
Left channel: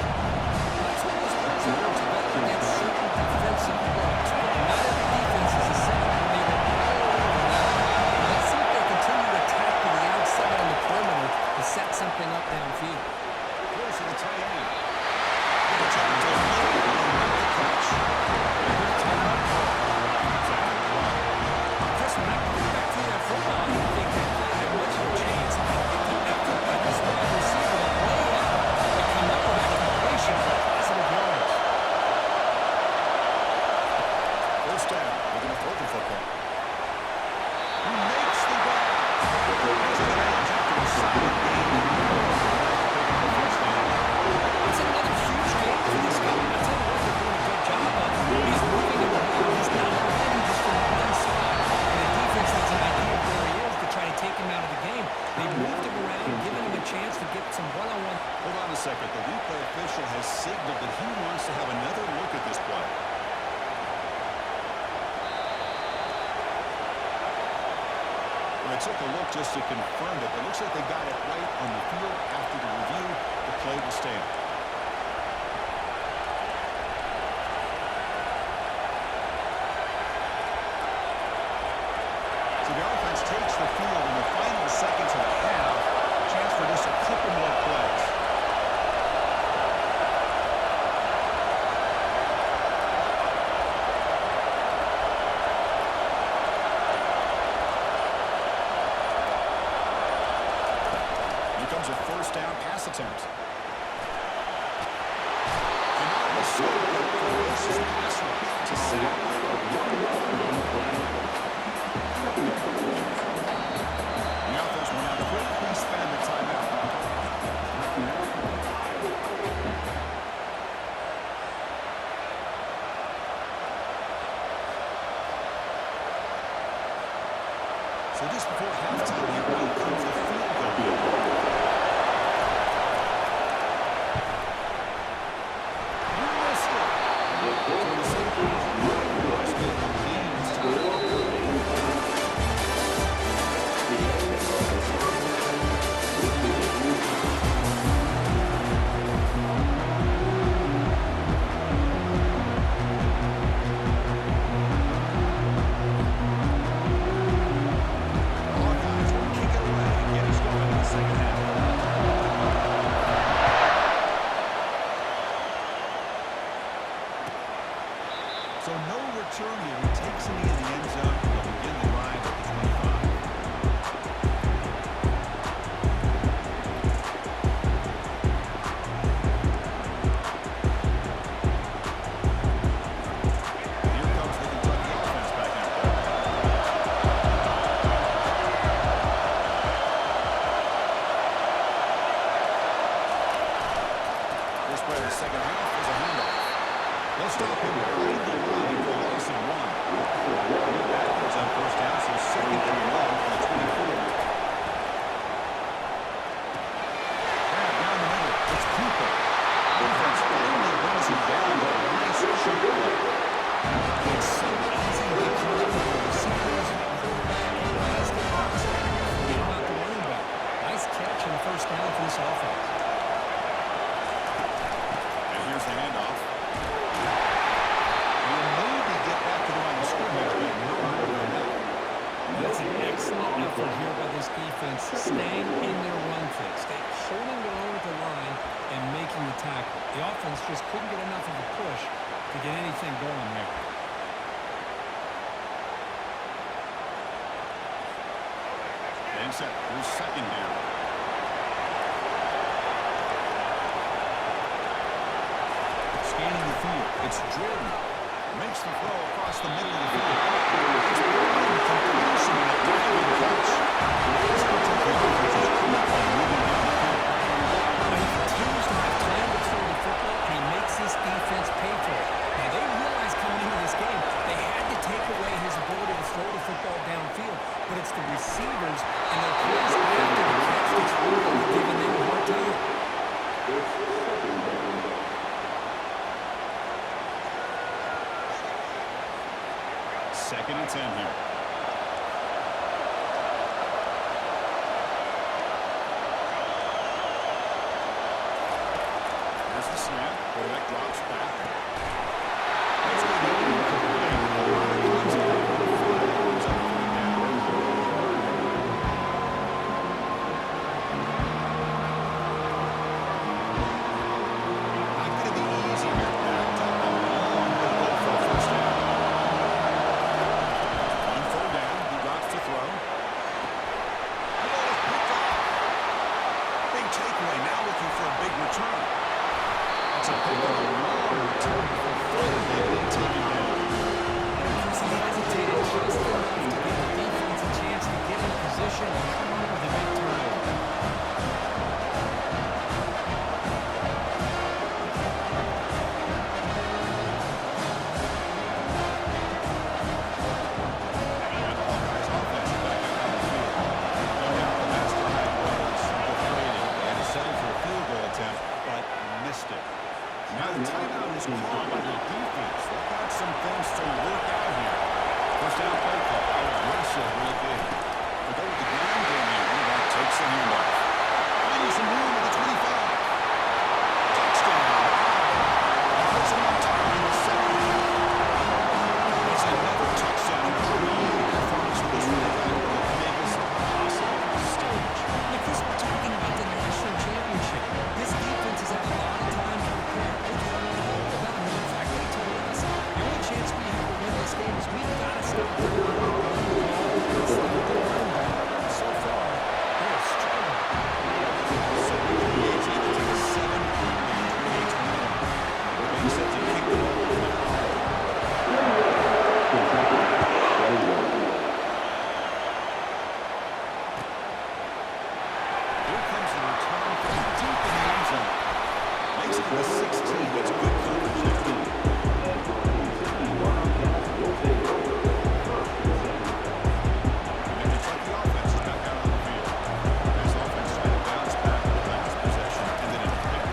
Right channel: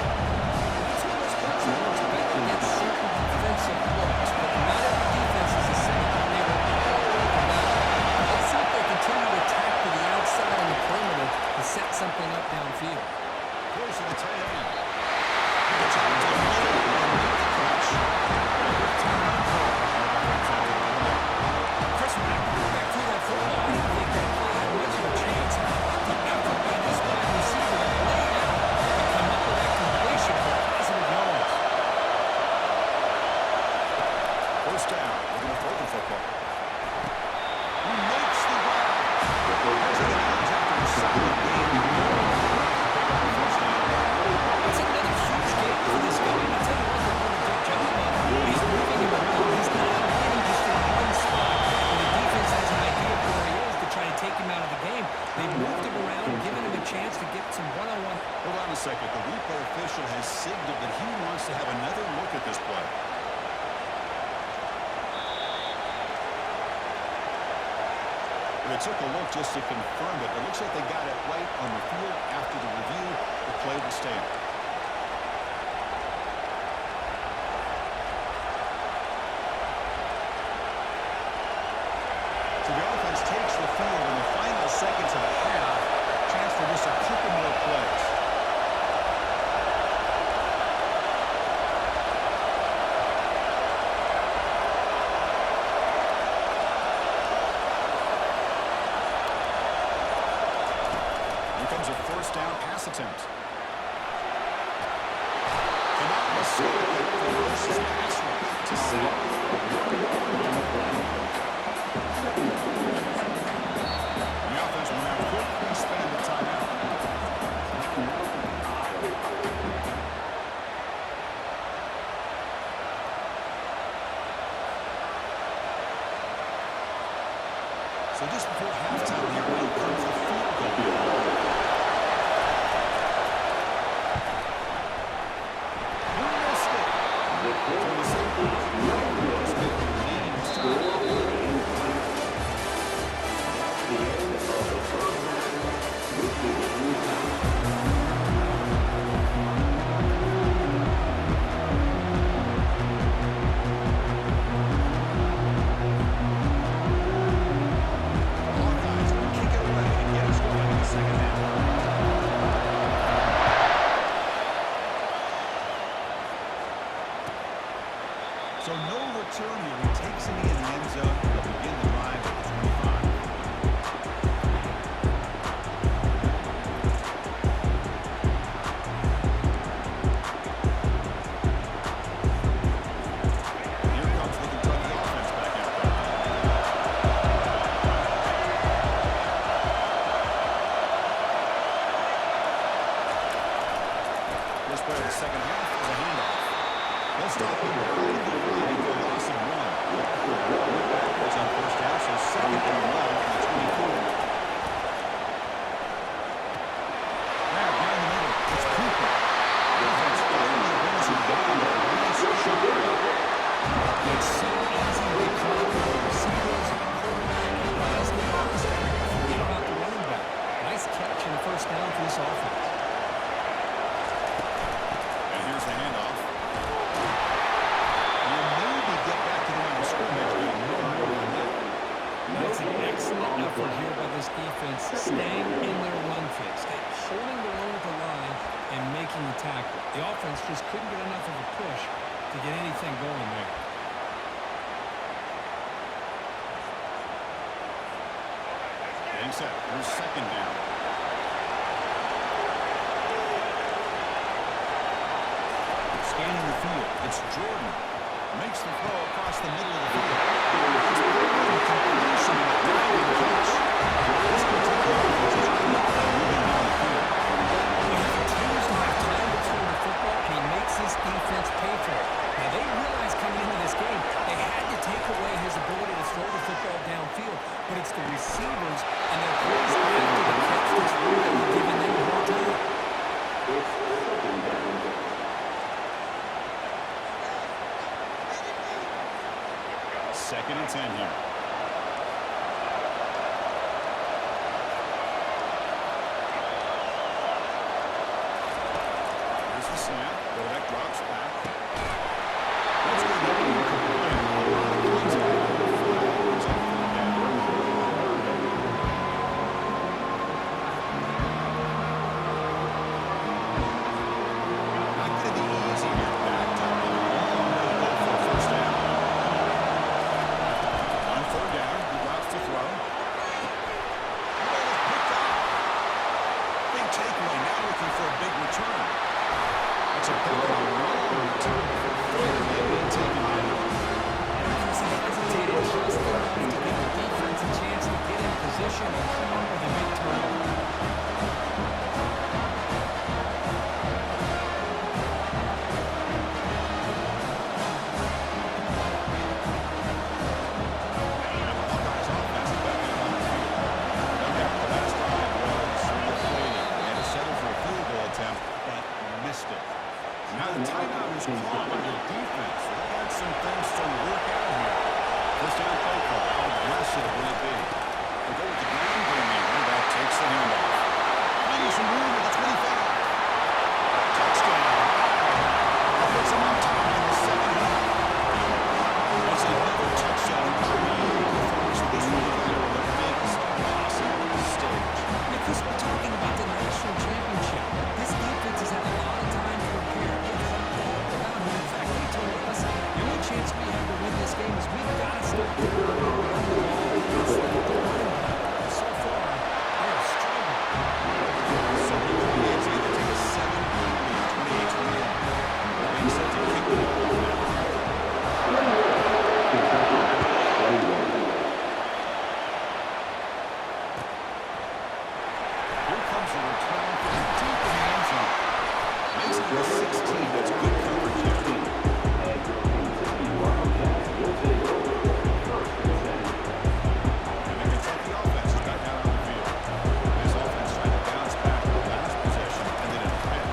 That's what those plays that works better against certain defensive looks, but not every defense is the same. They were all over that one. Let's see if they continue to attack to the outside on the perimeter to set something up downfield. Close to the tight end. Good attempt to make the catch. A good timeout call by the offense after the play. Chris, when I put back through that football, I didn't think that play had much of a chance. The effort by this wide receiver to lay out and come up with that completion for positive yards. First down. We're going to throw the football. He makes the grab. Has it out after a solid game. To pick up the first down. It's another huge game for this guy. I'll tell you what, they're doing a good job of. He's moving him around. He's not landing just in one spot. When the defense has an idea of where he is to try to take him out of the game, they've moved him around, given him a chance to get some one-on-one. Hold on a second. The replay official has signaled that he wants to have another look at this play. Well, they took a look just to confirm it. It looks like they got it right on the field. After the review, the play will stand. So the offense takes the field in the final seconds of the half. Chance for just a couple more plays. Here comes a first down pass attempt. Cannot mistake that ferocious pass rush to sack. The offense will now quickly spend a timeout. So just before halftime here, now comes the field goal. You missed it. So the same thing. It's been the main The end of the first half. This play of the second half is a handoff. They'll stop him behind the line for a loss of 1. Went backwards on first down, so second and long from the 24. Grab down the middle. It's Cooper. Defense finally brings him down with a nice chunk play. It's so easy to get caught up in the receivers and the quarterback and guys get lost. Forget about the running back. Nice catch and a first down for this offense. And here's the handoff. He'll maybe get back to the line of scrimmage, but no more than that. That's an excellent effort here by this defense, staying in their run fix, holding their own at the line and making the tackle. The offense just couldn't get enough of a push to get anything going there. Getting set. Here's second down. Scanning the field. It's Jordan. Makes the throw across the middle of the field. It's completion and a diving catch. This can take the offense's quickly moving down the field. But he continues to have time to throw the football, and he makes his defense pay for it. Now, they realized coming into this game they had to take away his ability to throw the football downfield, but it's the receivers and their plays after the catch that's really giving them a hard time. It's second down. Second and 10 here. Here's the snap. Quarterback drops back. That's going to be incomplete. A lot of contact. Flag brings up third down. Not going to be easy here. Backed up a long way to go for a first down. On third down, he drops to throw. The ball is picked off. Big takeaway. Now looking for a big return. That's a big and a long return before finally being taken down. Because he hesitated just enough to give the defense a chance to get in position and come up with a big turnover. And the Hawkeyes offense is back out on the field. No doubt the last drive was deflating. They had to settle for a field goal attempt, but missed it. Now the timeout is called by the defense. They've got some things to work out here. First down play call. How aggressive will it be? They go with the ground game here. Running back takes the handoff. Finding some room at the 25. Touchdown. That puts them on top in the second half. That's another touchdown. Dream performance for this running back on the biggest possible stage. Now, Chris, we're talking about the national championship. This defense has had a lot of time to prepare. They've heard all about him. In fact, they told us the only chance we have to win this game is we've got to stop their ability to run the ball and stop their running back. So far, they are struggling. So we create to either take a 7-point lead, 28-21. We're being set to kick the ball over now. Kentucky, 21. Here comes the return from deep in the end zone. Makes it to the 16. That's good coverage there. And your Kentucky Wildcats will take over first and 10. And the Kentucky offense is back out on the field. This offense trying to bounce back the last possession, ended in a pick.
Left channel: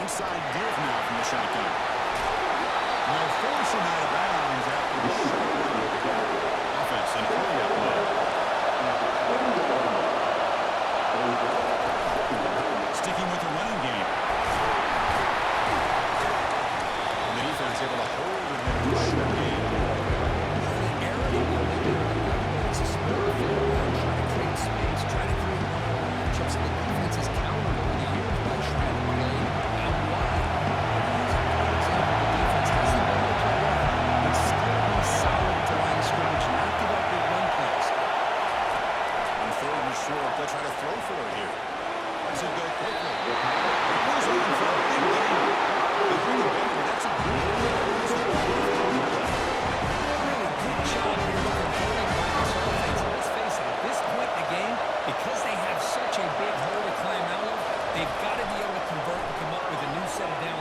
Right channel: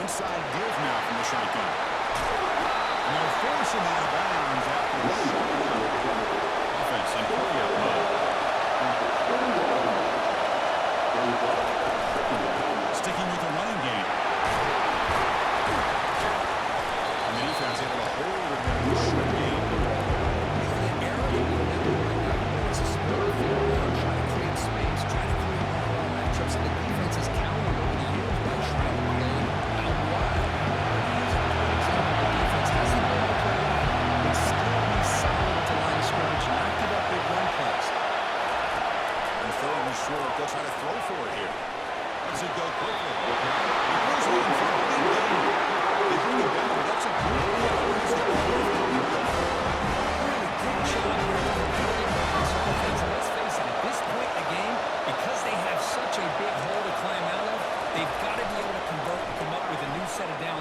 Inside give now from the shotgun. And they'll force him out of bounds after a short run. Offense in hurry-up mode. Sticking with the running game.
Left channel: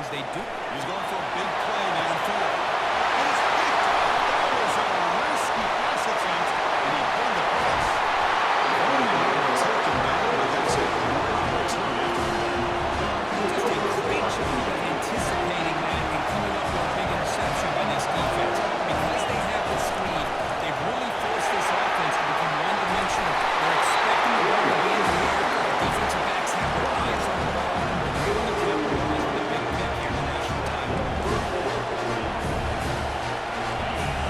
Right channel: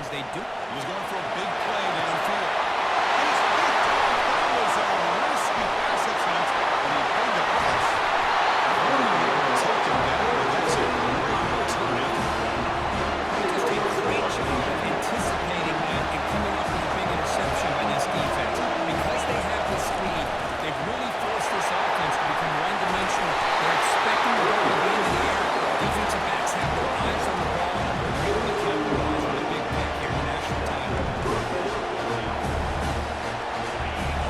they do. He's going for a big play downfield. And he's picked off. That was a risky pass attempt, and he paid the price. I don't even know where to take him down, but that's a great return after the play. Just a great job of anticipating that and coming up with a big interception by this defense. Because they have this lead, they've really forced this offense to become one-dimensional. They're expecting the ball to be in the air. Defensive backs have their eyes on the ball, and they're able to capitalize with a big pick here in the national title.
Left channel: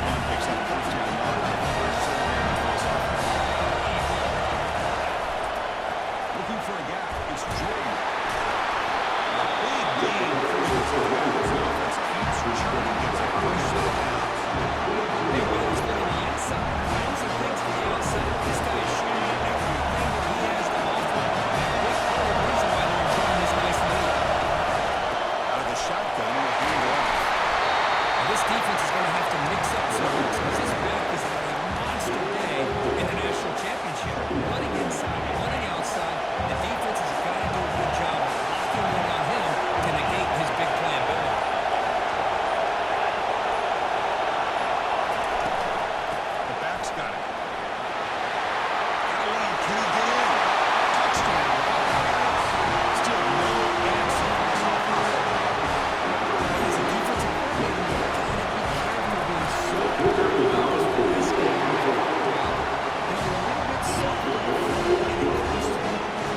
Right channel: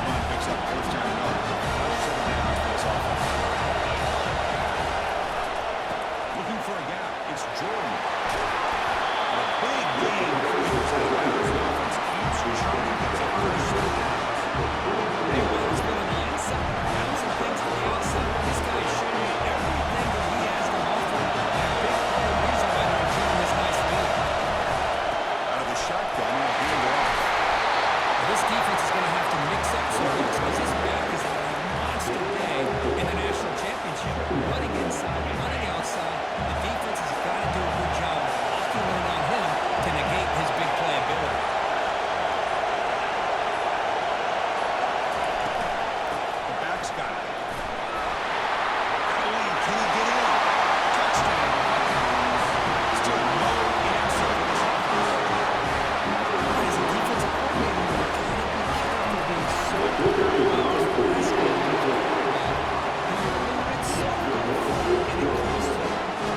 Run picks up first down yardage. First set of downs for this offense. Looking for a gap. It's Jordan. And a big gain before he goes out of bounds. The offense keeps churning, gets a first set of downs. Hey, whether it's been on the inside, bouncing things to the outside, this guy is showing you everything that he has to offer, and a big part of the reason why they're enjoying this nice lead. Out of the shotgun, he'll hand it off. Now, this defense is going to have to mix up some looks because this back is having a monster day in the national championship. Running inside, running outside. The defense has got to do a good job of locking in on him to negate his big play ability. The back's got it. Got a lead. Can he get in? Touchdown. Still no answer for this offense. As a defensive coordinator, you've got to be careful being so worried about this pass game that you're a little bit soft on the front and it costs you.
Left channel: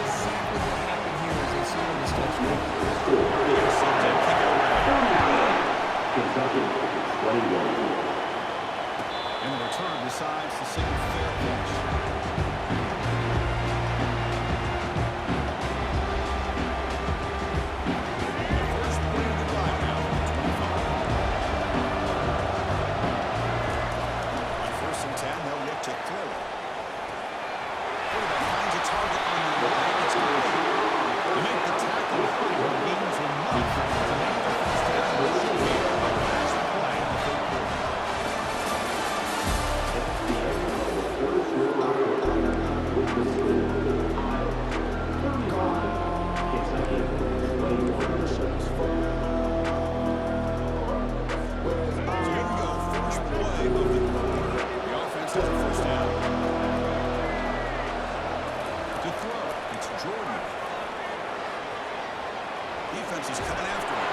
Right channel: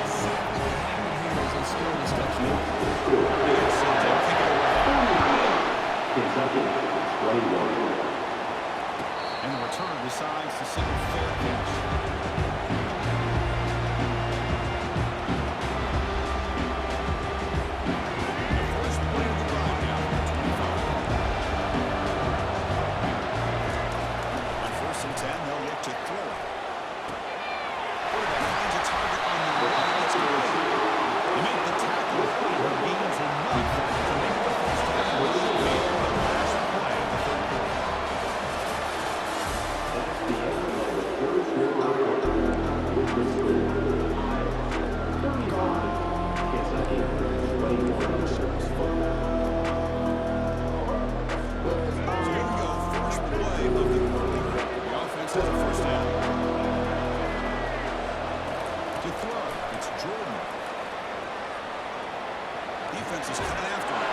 Exactly what happened here as they scored this touchdown. They get sent to kick it away. Kentucky, 21. And the return decides to send a fair catch. The first play of the drive now from 25. On 1st and 10, they'll look to throw it. Quarterback finds a target on the right. It's complete. You make the tackle high, gains enough to make the first down. It should be the last play of the third quarter. That's the end of the first quarter with the score. Iowa 35, Kentucky 21. So here we go, first play of the quarter. The offense has a first down. To throw, it's Jordan. Defense is coming after him.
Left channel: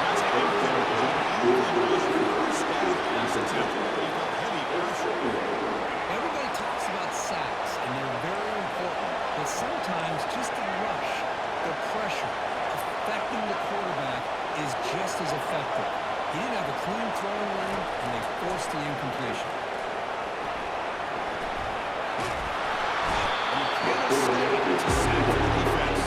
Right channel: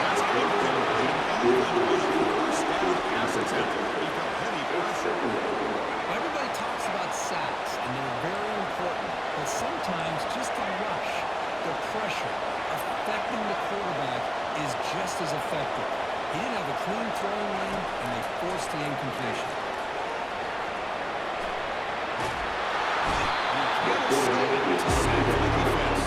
That's incomplete. Even on a first down pass attempt, he felt heavy pressure. Everybody talks about sacks, and they're very important. But sometimes just the rush, the pressure, affecting the quarterback is just as effective. He didn't have a clean throwing lane, and they forced the incompletion. And he can't escape. It's a sack for the defense.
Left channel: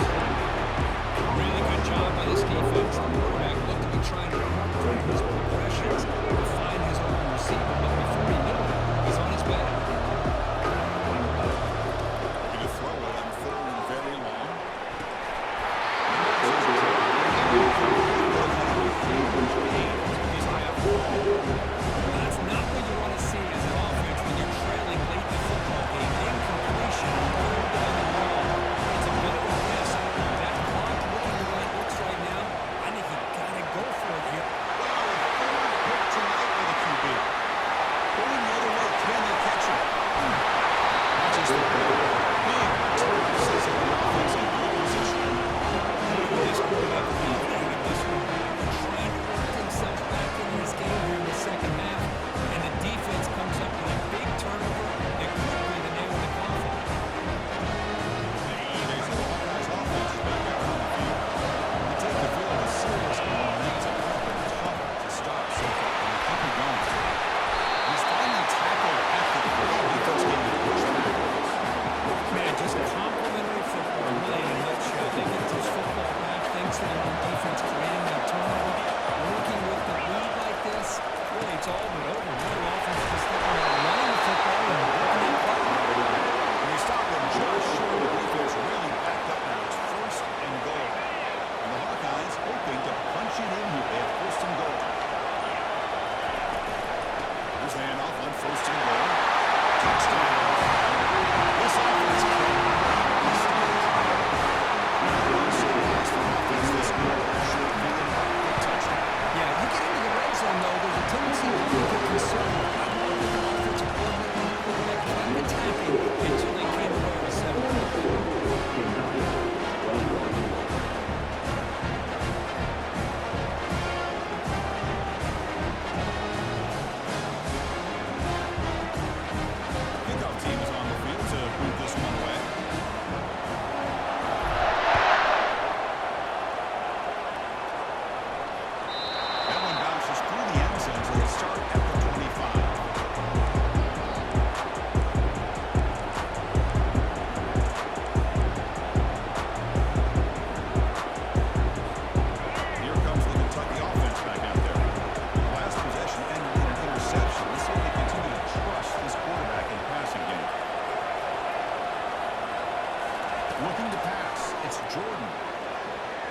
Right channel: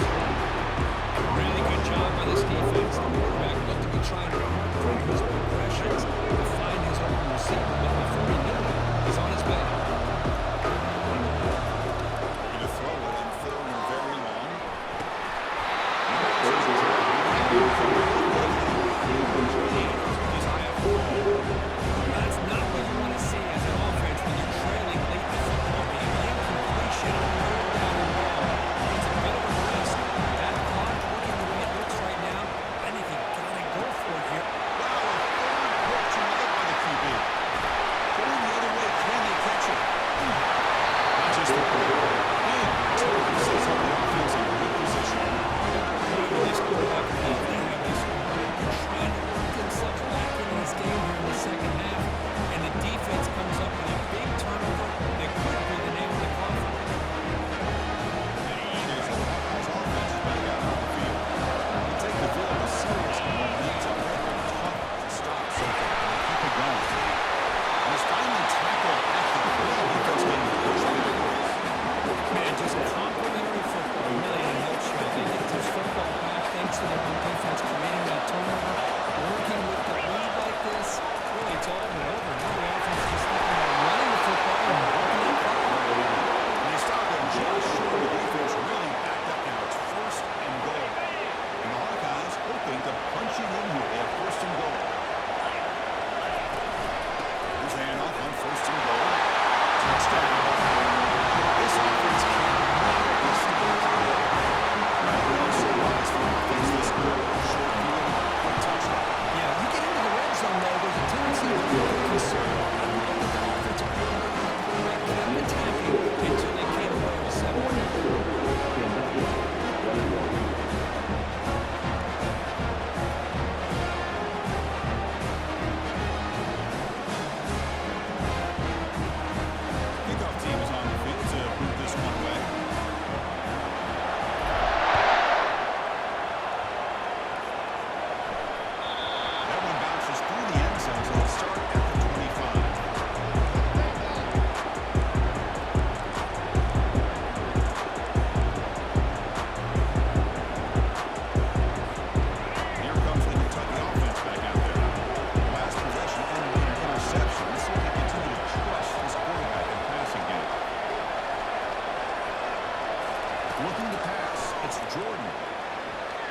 Really good job by this defense. The quarterback looked to be trying to run through his progressions to find his open receiver, but before he knew it, he's on his way. Looking to throw it on 3rd and very long. He's high up the ball. That's not what you want to see as an offense when you're trailing late in the football game. An incompletion on 3rd down and long. It's a bit of a risk. With that clock looking the way it looks right now, I think you got to go for it here. Wow, a third pick tonight by the QB. Going the other way, can they catch him? Not just a play, big return sets up the offense in good position. With this quarterback, they have this one. They're trying to work themselves back into this game here in the second half, and the defense comes up with a big turnover that could be the nail in the coffin. Okay, so the Hawkeyes offense is back out on the field. They take the field with serious momentum. They've been tough to stop so far, and they keep it going. And he's finally tackled at the 3. Defense getting the push backwards. Man, just complimentary football, really in a nutshell. They get this football back thanks to their own defense creating that turnover. Working with the lead like this, really it's all but over. Now the offense is just looking at running the football and working that clock. And they stopped him just short of the defense, really backed up now. It's 1st and goal. And the Hawkeyes hoping to punch it in here. They have 1st and goal. Here's the handoff on 1st and goal. Touchdown. This offense cannot be stopped. Now, no surprise for offense this good. Short field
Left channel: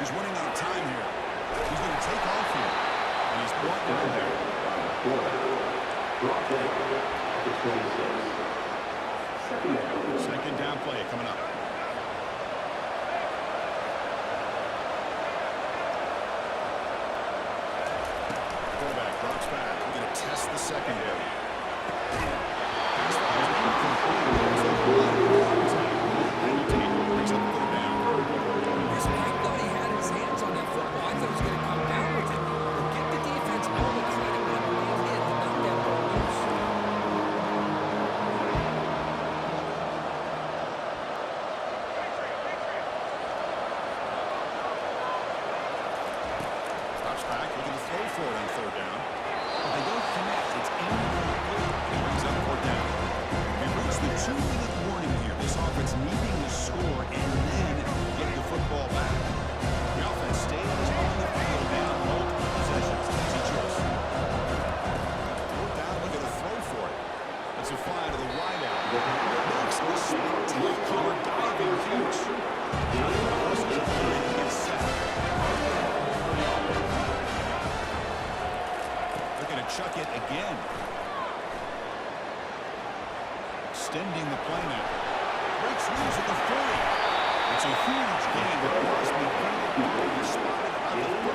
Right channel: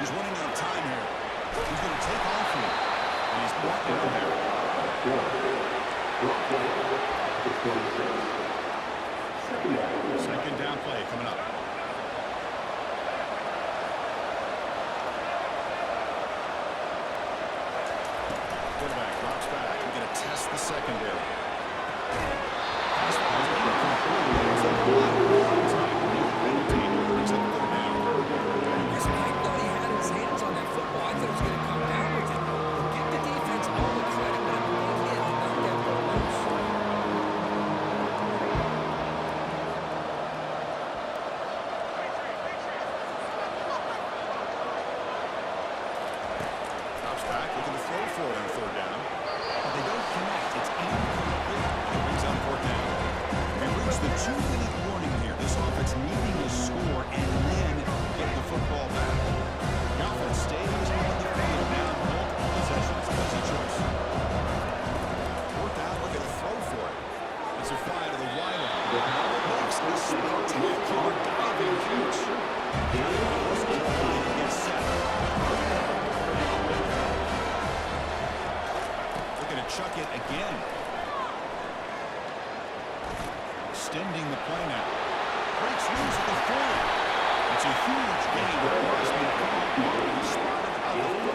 He's running out of time here. He's going to take off here. And he's brought down there. Brought down to 26. Second down. Second down play coming up. Quarterback drops back. We're going to test the secondary. Pass ball is incomplete. There's a lot of contact. Penalty brings up third down. Listen, I thought he had his hands on that football. I thought he was going to come down with it. But give the defense all the credit when they hit to knock that ball loose. Drops back, looking to throw for it on third down. But they don't connect. It's incomplete. And he brings up fourth down. We've reached the 2-minute warning here. This offense needing to score and then get the football back. The offense stays on the field now, multiple possessions. Easy choice. Fourth down, looking to throw for it. Let's a fly to the wideout. Makes a spectacular diving catch. Now the post is line and gets set. Looking to chuck it again. Extending the play now. Breaks loose at the 40. It's a huge gain across midfield. He's spotted about the 41.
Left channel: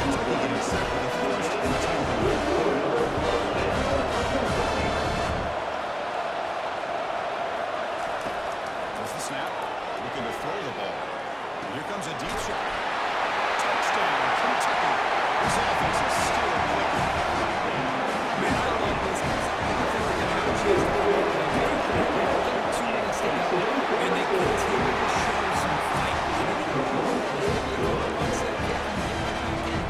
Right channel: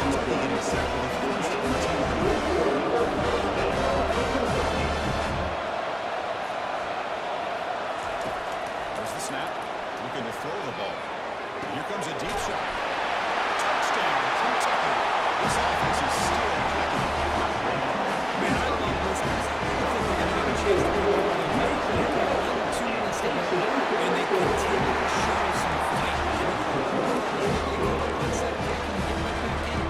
Kentucky getting set for the first and 10. There's the snap. Looking to throw the ball. And here comes a deep shot. Touchdown, Kentucky. This offense is still clicking. Man, I love this because I think they're going to have a chance to come up with a game. They're under 2 minutes to go, and they continue to show some fight. And then you go on set kick and you get right back in it.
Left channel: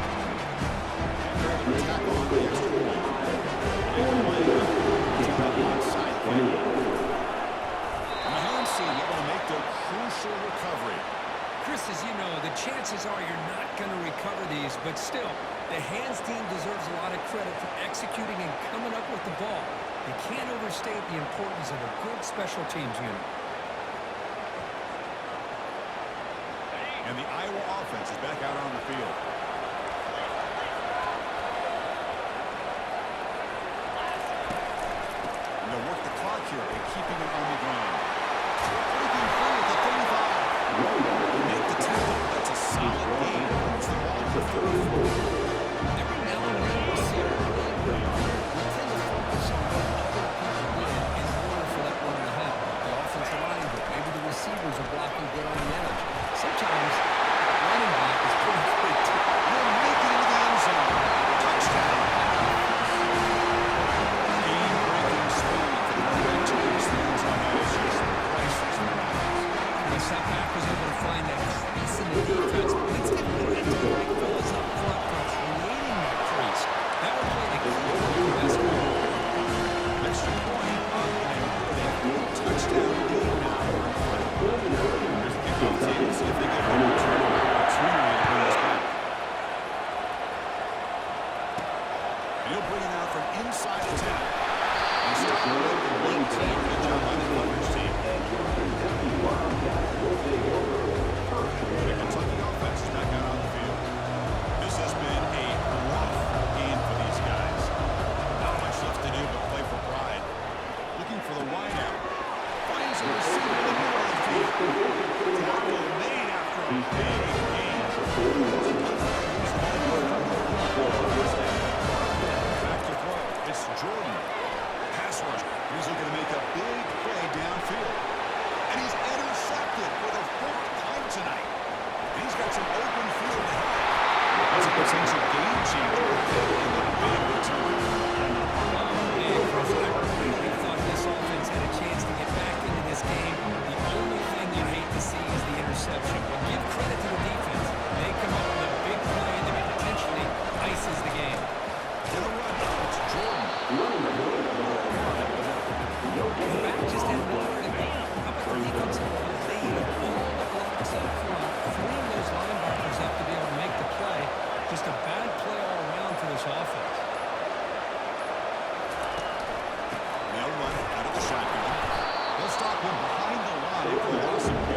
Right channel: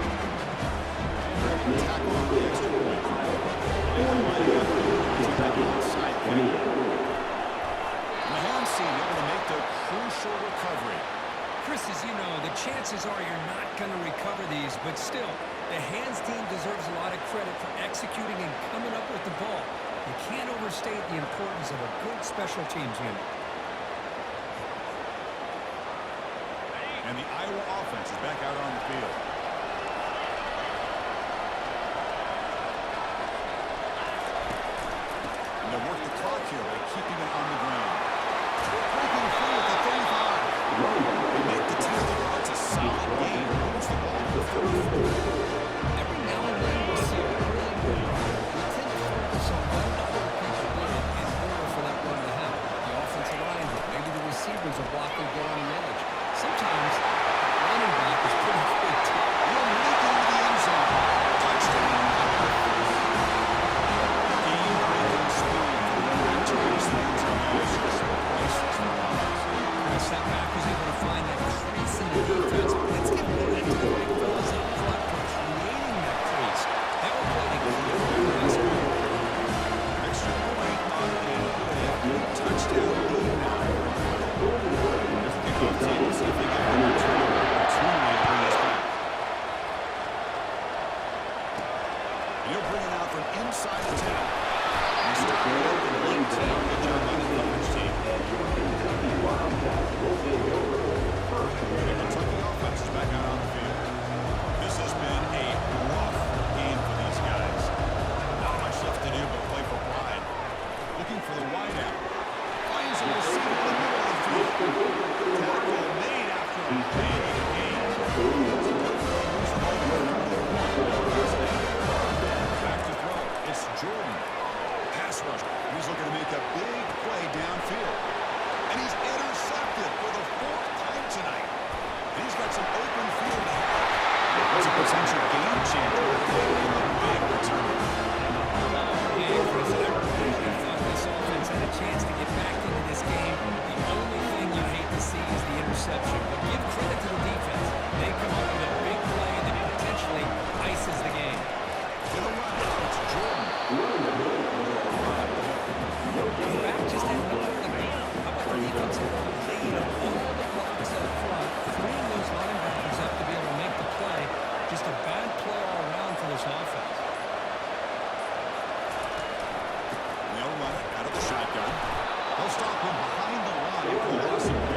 And they're able to tackle on the extra point. They're lining up to the onside kick. And the hands seem able to make the crucial recovery. Chris, as you know, the chances are you're not going to recover these, but still, the hands team deserves a lot of credit for executing and coming up with the ball. You can't overstate the importance of a good special teams unit. And the Iowa offense is back out on the field. And they'll work the clock here by keeping it on the ground. Breaking free at the 35. They make the tackle. That's a solid gain. Moves the ball to the 34. Every now and then we see a really good run. We tend to focus on what other people did in order for that run to happen. The offensive line did. Maybe the receivers are blocking get on the edge. Sometimes the running back is pretty good too. He'll make it into the end zone. Touchdown. Game-breaking speed for the running back to reach the end zone. That is just priceless for the offense. Chris, that back was able to find that crease in the defense. Let's give credit to the big fellas up front for creating that crease. That will play the key role in this one. Extra point up and good. Touchdown lead now. Here's the kickoff team. Let's see if they get one return opportunity to bring this back. And he'll bring it out from inside the 10. He stopped it at the 19. Good job by the coverage team. Kentucky Wildcats will take over. The Kentucky offense is back out on the field. This has been a rough game for these guys. Not much left to do but play for pride. Looking for the wideout. Finds a receiver in the middle of the field. Tackle made after a big game. Back to throw. It's Jordan. Pass rush. He's looking to make a big play downfield. And he's intercepted for the 4th time tonight. And he's got some open field ahead. That's a potential game changer in the big return. Man, Chris, I really thought this offense had a chance to get back into this game. The only thing you hate to see is the interception. But give credit to the defense. They come up with a big play that potentially ices the game. In the run, it's Jordan. The back just had nowhere to go. How about the defensive line? They eat up all the blocks up front, freeing those linebackers up to be able to make the play. Just a bad play all around for this offense. They'll run it out of the shotgun. They'll stop him behind the line for a loss of 1.